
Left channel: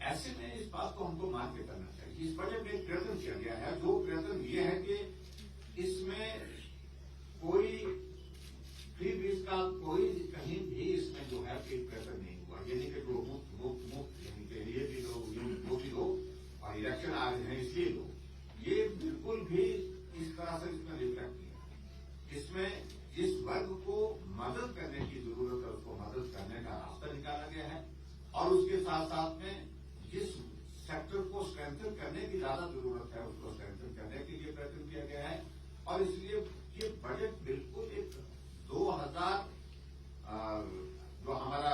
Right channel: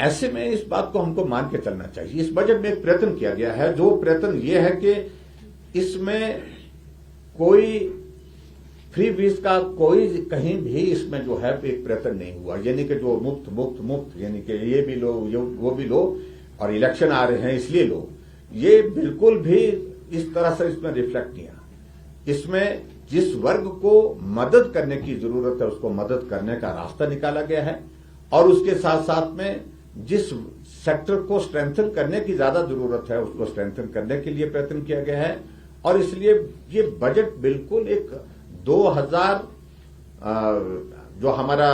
ऐसे में इस बात को हमको मान के चलना चाहिए। इस बजट में एक प्रयत्न किया गया है, जो प्रयत्न ये है कि इसमें कोई फ्री बीज का कोई कहीं भी इसमें जो है एक प्रयत्न नहीं हुआ, यानी कि जो मुफ्त यानी कि ये भी लो वो भी लो, और इलेक्शन आ रहे हैं इसलिए लो, ये बिल्कुल भी इस तरह से इसमें रिफ्लेक्ट नहीं आया। इसमें जिस वर्ग को मदद करने की जरूरत है उसको मदद करने का रास्ता निकाला गया है, और उसके साथ साथ में जिस सेक्टर को स्ट्रेंथन करने की ज्यादा जरूरत है उसको स्ट्रेंथन करने के लिए प्रयत्न किया गया है। और इसलिए ये बजट बिल्कुल एक 2000 जो हमारा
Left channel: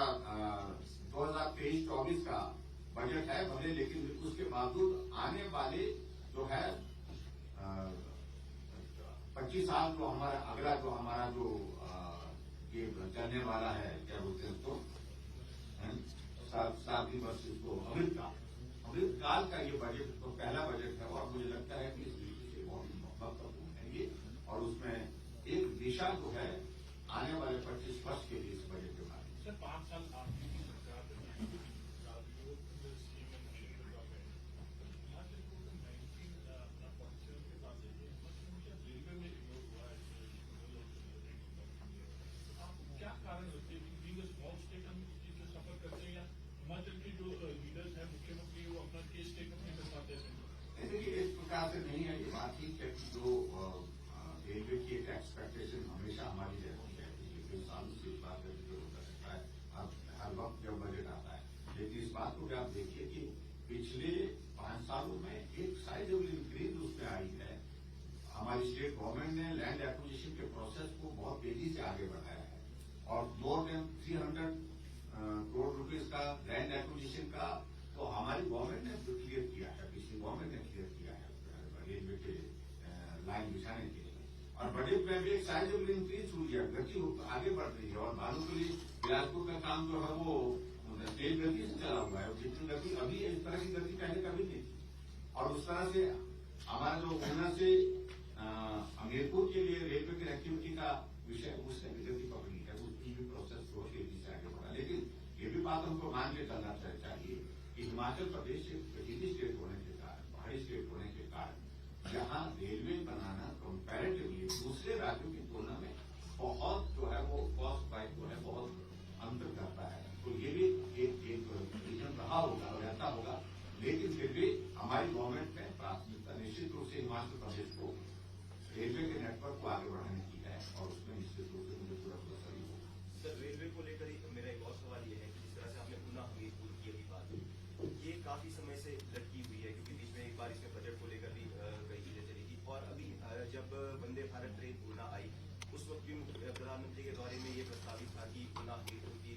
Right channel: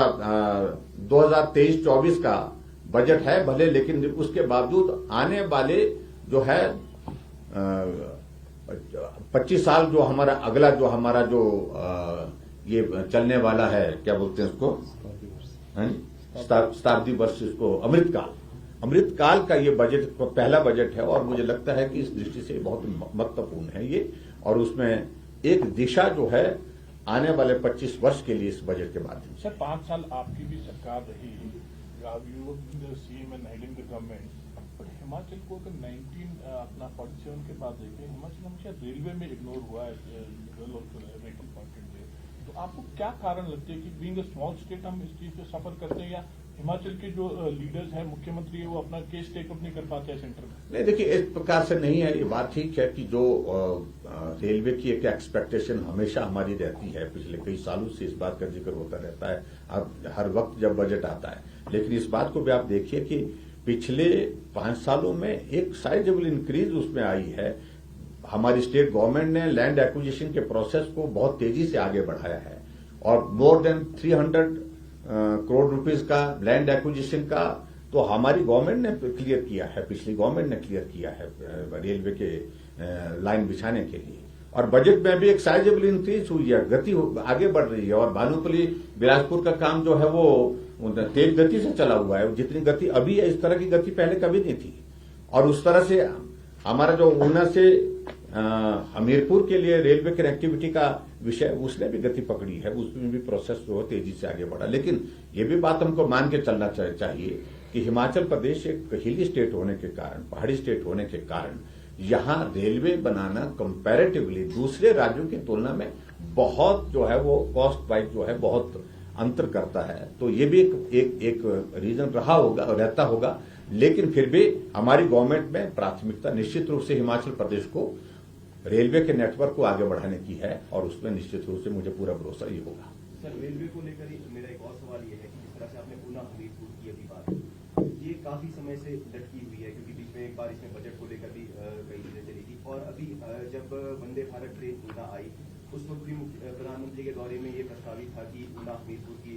2023-24 का बजट है भले, लेकिन उसके बावजूद आने वाले जो है 25 साल जो हमारा अगला जो हमारा जो ये चलने वाला है, क्या बोलते हैं उसको, शताब्दी वर्ष, इसको अमृत काल का ये बजट पहला बजट है, और मुझे लगता है कि इस दृष्टि से बहुत महत्वपूर्ण है ये, और उसमें एक दिशा जो है आने वाले 25 वर्ष के लिए इस बजट के माध्यम से। सर, 5 साल आपकी भी सरकार रही, CM and heading the government, पर हिमाचल को अगर 47 के बाद देखें, हिमाचल हमेशा रेलवे में इग्नोर हुआ है रेटिंग पॉइंट से। तो आपको क्या कारण लगते हैं कि बीइंग अ स्मॉल स्टेट हम इस चीज पे सफर करते हैं, या हिमाचल के जो लीडर्स हैं, मुख्यमंत्री है, वो अपना केस टेकअप नहीं कर पाते हैं सेंटर में? नहीं, देखिए, इस प्रकार से नहीं है। ये बात ठीक है कि जो रेलवे की एक एक्सपेक्टेशन हमेशा हमारी रहती है, पिछले कई सालों से इस बात का जिक्र होता रहता है, अब हर वक्त जब बजट आता है। लेकिन इस बात को भी आप देखिए कि पिछले 5 सालों में एक साइजेबल इंक्रीज उसमें आई है। हमारी स्टेट गवर्नमेंट ने लैंड एक्विजिशन के प्रोसेस को बहुत तेजी से आगे बढ़ाया है, और मोर देन 300 करोड़ रुपीस का लैंड एक्विजिशन का तो हमारी गवर्नमेंट ने क्लियर किया है, पिछली गवर्नमेंट ने क्लियर किया है रेलवे के लाइन बिछाने के लिए। और बजट में भी एक साइजेबल इंक्रीज हुई है, गति आगे बढ़ रही है, और भानुपल्ली बिलासपुर का काम जो है वो तेज गति से चला हुआ है। जितनी गति अभी है, इस तरह की गति पहले कभी नहीं थी। और उस तरह से हमारा जो ऊना से हमीरपुर के लिए रेलवे कनेक्टिविटी का विषय, उसने भी गति पकड़ी है, उसमें भी प्रोसेस जो तेजी से आगे बढ़ा। लेकिन ये भी बात हमको मान के चलना चाहिए कि हिमाचल प्रदेश एक हिली स्टेट होने के कारण, पहाड़ी स्टेट होने के कारण, यहाँ रेलवे बनाना कंपैरेटिवली दूसरे राज्यों की तुलना में बहुत जो है वो कॉस्ट वाइज जो है बहुत अंतर करता है। तो ये भी एक रीजन रहा होगा और रहता होगा, लेकिन फिर भी हमारी गवर्नमेंट में प्राथमिकता निश्चित रूप से हिमाचल प्रदेश को रेलवे के नेटवर्क को आगे बढ़ाने की है और उसमें निश्चित रूप से मुझे पूरा भरोसा ही होगा। सर, रेलवे को लेकर ही मेरा एक और सवाल ये है कि जिस तरह से आपने ऊना हमीरपुर की अभी बात की, ये काफी समय से लटकी हुई है, क्योंकि बीच में एक बार इसमें बजट को लेकर भी कई चीजें चली थी, और अभी जब वंदे भारत ट्रेन ऊना आई उस वक्त भी प्रधानमंत्री के दौरे में ये प्रस्तावित था कि ऊना हमीरपुर की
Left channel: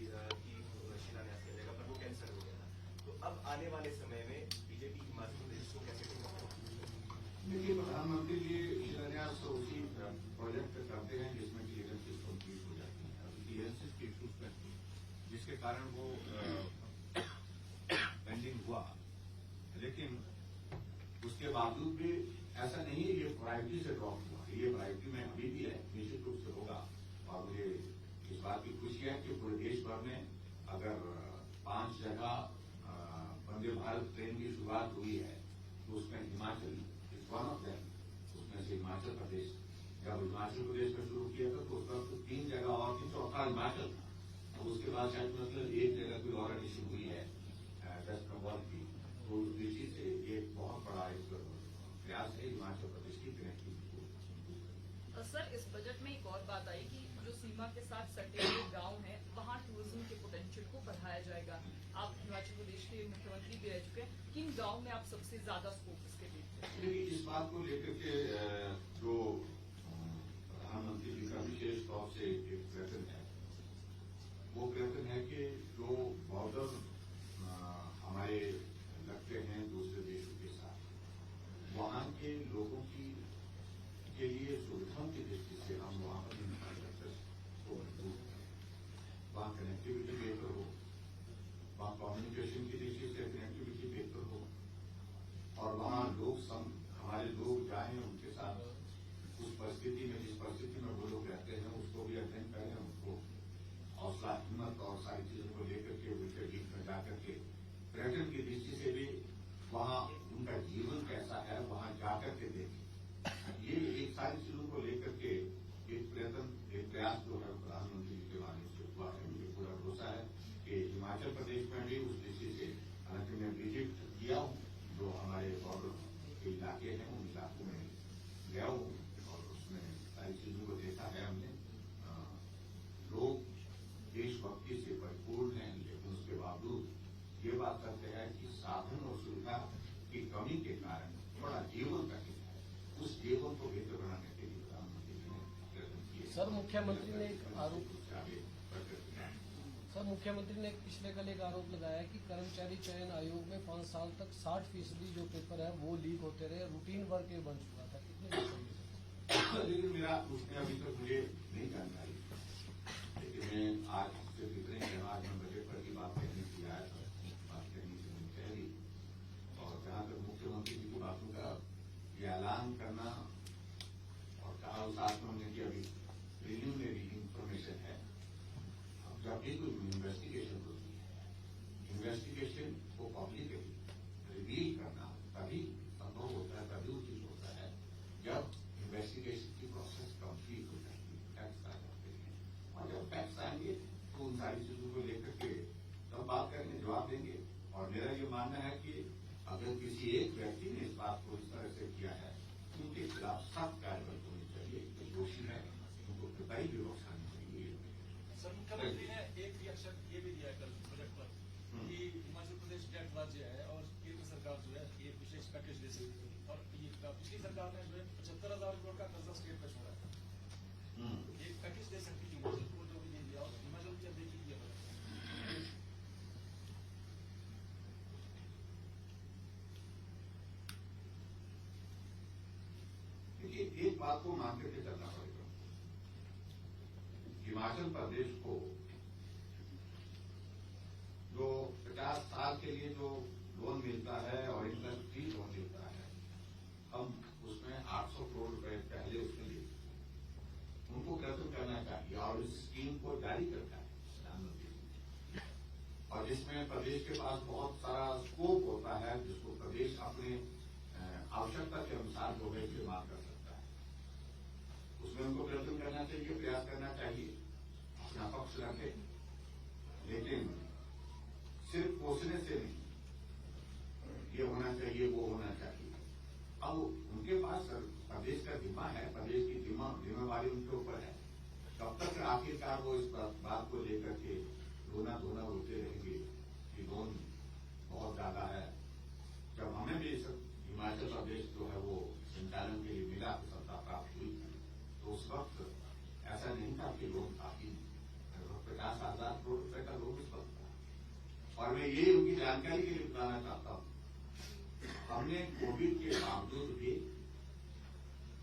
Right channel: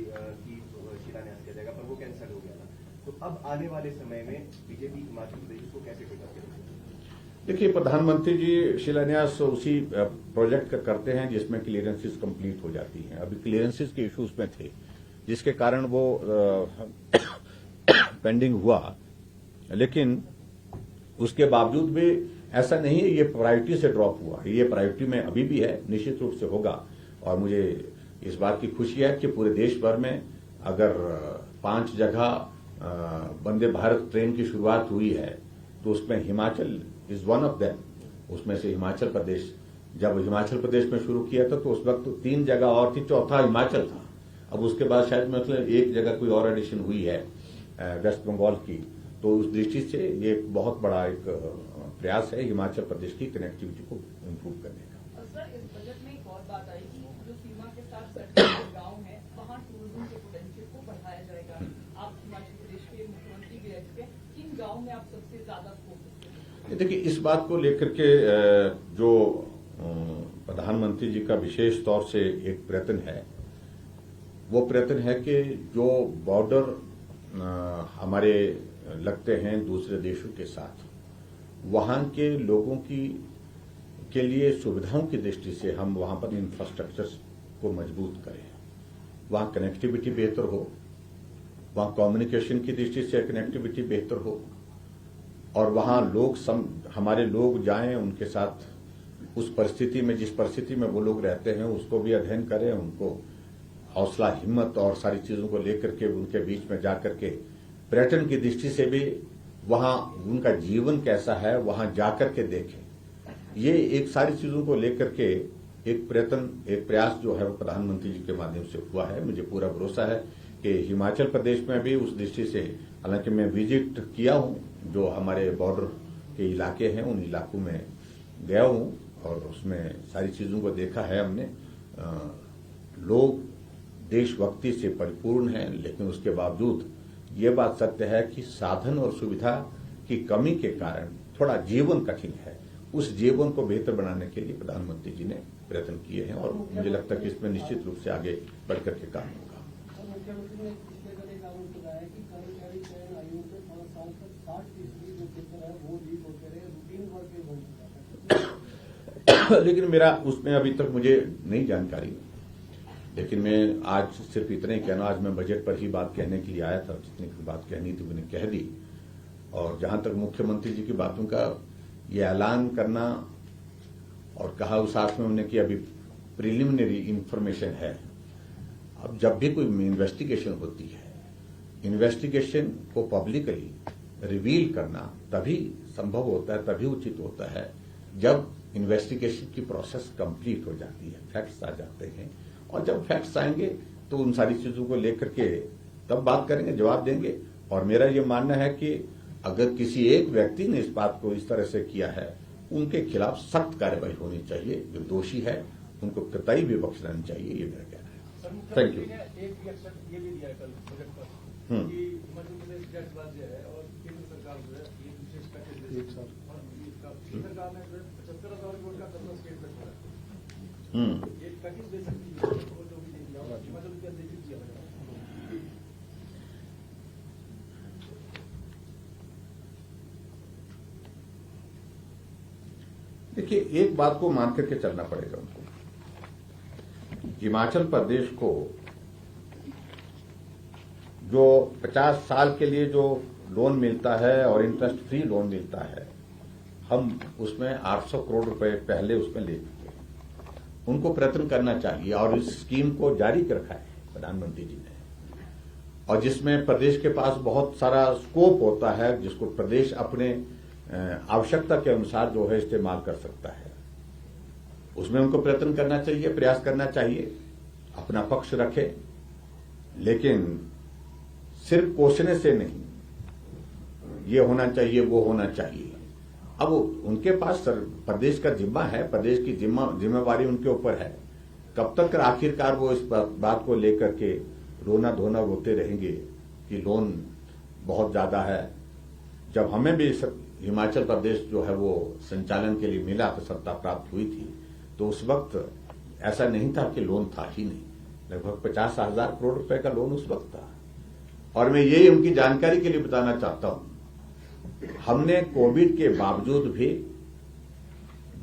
शिलान्यास किया जाएगा, पर वो कैंसिल हो गया था। तो अब आने वाले समय में बीजेपी हिमाचल प्रदेश को कैसे होगा? देखिए, प्रधानमंत्री जी शिलान्यास उसी प्रोजेक्ट का करते हैं जिसमें क्लियरेंसेस कंप्लीट हो जाती हैं। अभी क्लियरेंसेस के इश्यूज में थे जिसके कारण वो पेंडिंग हुआ, लेकिन उसके बावजूद भी ऐसा नहीं है ये प्रायोरिटी से ड्रॉप हुआ, ये प्रायोरिटी में अभी भी है, निश्चित रूप से होगा। और मुझे इस बात की खुशी है कि पूरे देश भर में अगर 5 जगह वंदे भारत ट्रेन की शुरुआत हुई है तो उसमें Himachal is one of them. उसमें से हिमाचल प्रदेश, जब हिमाचल प्रदेश में शुरू किया था तो उस वक्त 3 जगह और थी, चौथा हिमाचल था। अब उसके बाद शायद मतलब 1 जगह कोई और एडिशन हुई है वेस्ट बंगाल की। तो उस दृष्टि से ये एक बहुत बड़ा एक प्रयास है हिमाचल प्रदेश की कनेक्टिविटी को इम्प्रूव करने का। सर, इस बजट में एक और बात आई कि जो सीमा के साथ सटे हुए गाँव है वहाँ टूरिज्म के पोटेंशियल को बढ़ाया जाएगा। आप हिमाचल प्रदेश के मुख्यमंत्री भी रह चुके हैं, किन गाँव में आप सबसे ज्यादा स्कोप इसके? देखिए, इस बात को लेकर के जो प्रधानमंत्री जी का विशेष तौर से एक प्रयत्न है, वो प्रयत्न है कि जो बॉर्डर हमारे लगते हैं दूसरे देशों के साथ, वहाँ के लोगों के लिए सुविधाओं की दृष्टि से हम वहाँ पर इंफ्रास्ट्रक्चर को मजबूत करें, वहाँ कनेक्टिविटी बेहतर हो, वहाँ कम्युनिकेशन की दृष्टि से कनेक्टिविटी बेहतर हो, और वहाँ हमारे लोग जाएं, उनके साथ उस परिस्थिति में, जिस परिस्थिति में वो लोग रहते हैं उसको भी अध्ययन करें, उनको हौसला हिम्मत और सारी चीजों को लेकर के उनके बीच में जाकर के पर्यटन की दृष्टि से भी वहाँ उनका जीवन कैसा है वहाँ जाकर के देखें। ये एक सारी चीजों को लेकर के एक प्रयास जो है वो प्रधानमंत्री जी के माध्यम से हुआ है। मुझे पूरा भरोसा है कि हिमाचल प्रदेश में भी उस दृष्टि से, हालांकि मैं विजिट किया हूँ, जो हमारे बॉर्डर के इलाके हैं उन इलाकों में गया हूँ और उसमें सारी चीजों को देखा है हमने। लोग देशभक्ति से परिपूर्ण हैं, लेकिन उसके बावजूद ये बात सत्य है कि साधन और सुविधा की कमी के कारण थोड़ा जीवन कठिन है। उस जीवन को बेहतर बनाने के लिए प्रधानमंत्री जी ने प्रयत्न किए हैं और मुझे लगता है कि इसमें निश्चित रूप से आगे बढ़कर के काम होगा। मुख्यमंत्री ने पिछले कल एक आरोप लगाया कि कर्मचारी चयन आयोग में 5 साल तक 60% जो पेपर है वो लीक होते रहे, रूटीन वर्क ये बन चुका था। लेकिन मेरा उसमें अभी तक मुझे नहीं जानकारी, लेकिन मैं आज सिर्फ इतना ही कहना, आज मैं बजट पर ही बात कहने के लिए आया था, जितनी बात कहनी थी मैंने कह दी। और जहां तक मुख्यमंत्री जी की बातों का ये ऐलान करना और कहा उस आस में उन्होंने कि अभी प्रिलिमिनरी इंफॉर्मेशन है। अब जब भी कोई इन्वेस्टिगेशन होती है, इन्वेस्टिगेशन को पब्लिकली रिवील करना तभी संभव होता है, तभी उचित होता है जब इन्वेस्टिगेशन की प्रोसेस कंप्लीट हो जाती है, फैक्ट्स आ जाते हैं। और जब फैक्ट्स आएंगे तो उन सारी चीजों को लेकर के तब बात करेंगे, जवाब देंगे। और मेरा ये मानना है कि अगर किसी एक व्यक्ति ने इस बात को इस तरह से किया है, उनके खिलाफ सख्त कार्रवाई होनी चाहिए। जो दोषी है उनको कतई भी बख्शना नहीं चाहिए, ये मेरा कहना है। Thank you. एक रिएक्शन ये भी दिया कल बजट पर कि हिमाचल प्रदेश टैक्स राज्य है और केंद्र सरकार जो है ये विशेष पैकेज दे सकती है, और पिछली सरकार ने जो है 75,000 करोड़ का कर्जा स्टेट में छोड़ा, एक पैकेज दे सकती है और जो भी दे दिया हिमाचल प्रदेश देखिए किया। देखिए, एक बात को मान करके चलना पड़ेगा उनको। हिमाचल प्रदेश को जो 50 साल के लिए जो लोन मिलता है और इंटरेस्ट फ्री लोन मिलता है, हम उसमें 800 करोड़ रुपए पहले उसमें ले चुके हैं। उनको प्रयत्न करना चाहिए और इस स्कीम को जारी रखा है प्रधानमंत्री जी ने, और जिसमें प्रदेश के पास बहुत सारा स्कोप होता है, जिसको प्रदेश अपने आवश्यकता के अनुसार जो है इस्तेमाल कर सकता है। उसमें उनको प्रयत्न करना चाहिए, प्रयास करना चाहिए, अपना पक्ष रखे, लेकिन सिर्फ कोसने से नहीं, ये होना चाहिए, वो होना चाहिए। अब उनके पास प्रदेश का जिम्मा है, प्रदेश की जिम्मेवारी उनके ऊपर है। कब तक आखिरकार वो इस बात को लेकर के रोना धोना रोते रहेंगे कि लोन बहुत ज्यादा है। जब हमें भी हिमाचल प्रदेश जो है वो संचालन के लिए मिला, तो सत्ता प्राप्त हुई थी, तो उस वक्त ऐसा नहीं था कि लोन था ही नहीं, लगभग 50,000 करोड़ रुपए का लोन उस वक्त था। और मैं यही उनकी जानकारी के लिए बताना चाहता हूं, हमने कोविड के बावजूद भी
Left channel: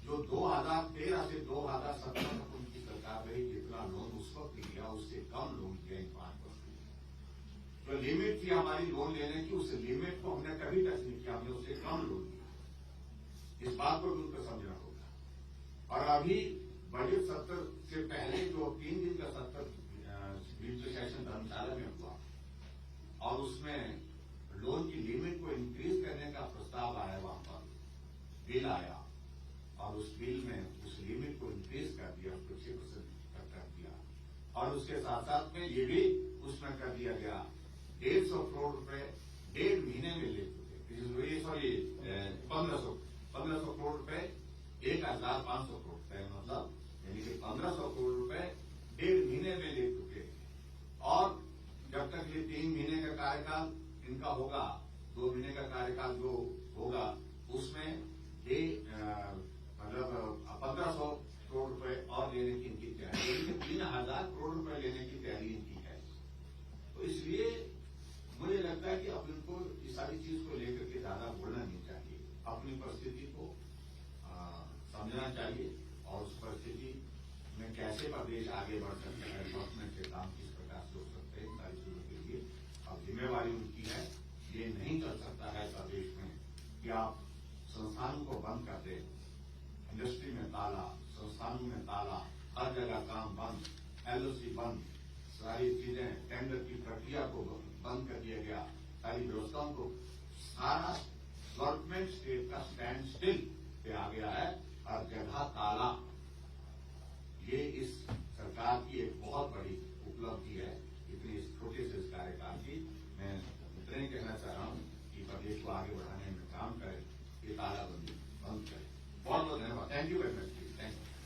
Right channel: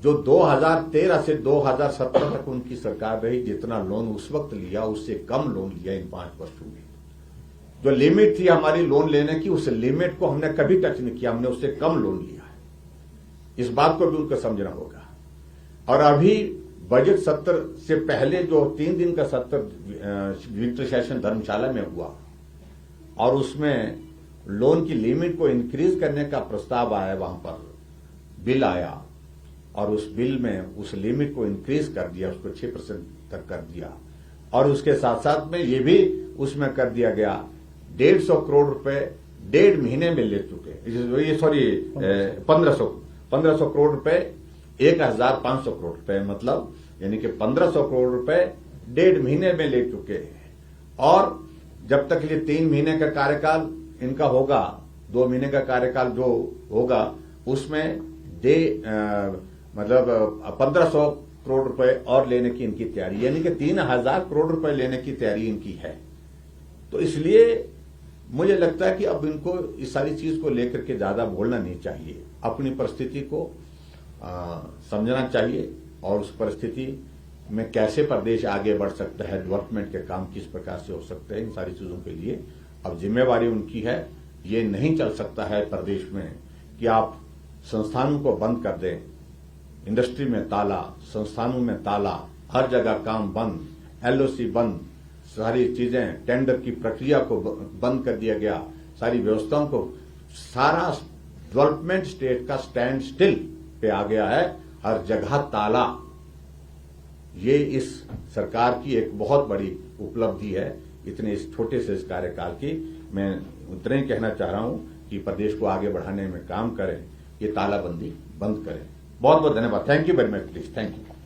जो 2013 से 2017 तक उनकी सरकार रही, जितना लोन उस वक्त लिया उससे कम लोन लिया इन 5 वर्षों में। जो लिमिट थी हमारी लोन लेने की, उस लिमिट को हमने कभी टच नहीं किया, हमने उससे कम लोन लिया है। इस बात को भी उनको समझना होगा। और अभी बजट सत्र से पहले जो 3 दिन का सत्र विंटर सेशन धर्मशाला में हुआ, और उसमें लोन की लिमिट को इंक्रीज करने का प्रस्ताव आया, वहां पर बिल आया, और उस बिल में उस लिमिट को इंक्रीज कर दिया, उसको 6% तक कर दिया। और उसके साथ साथ में ये भी उसमें कर दिया गया 150 करोड़ रुपए 1.5 महीने में ले चुके, ये सॉरी 1500 करोड़ रुपए 1,500 करोड़ रुपए, मतलब यानी कि 1500 करोड़ रुपए 1.5 महीने में ले चुके हैं। और जब तक ये 3 महीने का कार्यकाल इनका होगा, 2 महीने का कार्यकाल जो होगा, उसमें मतलब 1500 करोड़ रुपए और लेने की इनकी तैयारी, यानी कि 3,000 करोड़ रुपए लेने की तैयारी इनकी है। तो इसलिए मुझे लगता है कि अब इनको इस सारी चीज को लेकर के ज्यादा बोलना नहीं चाहिए, अपनी परिस्थिति को समझना चाहिए, और उस परिस्थिति में कैसे प्रदेश आगे बढ़ सकता है, डेवलपमेंट के काम किस प्रकार से हो सकते हैं, इन सारी चीजों के लिए अब जिम्मेवारी उनकी है। ये नहीं चल सकता है प्रदेश में कि आप संस्थानों को बंद कर दें, इंडस्ट्री में ताला, संस्थानों में ताला, हर जगह काम बंद, एलओसी बंद, सारी चीजें, टेंडर की प्रक्रिया को बंद कर दिया गया, सारी व्यवस्थाओं को, सारा डेवलपमेंट स्टेट का स्टैंड स्टिल पे आ गया है, हर जगह ताला। ये इस सरकार की एक बहुत बड़ी उपलब्धि है, इतने इस छोटे से इस कार्यकाल की। मैं उतना ही कहना चाह रहा हूं कि प्रदेश को आगे बढ़ाने में काम करें, ये तालाबंदी बंद करें। बहुत बहुत धन्यवाद। Thank you very much please. Thank you.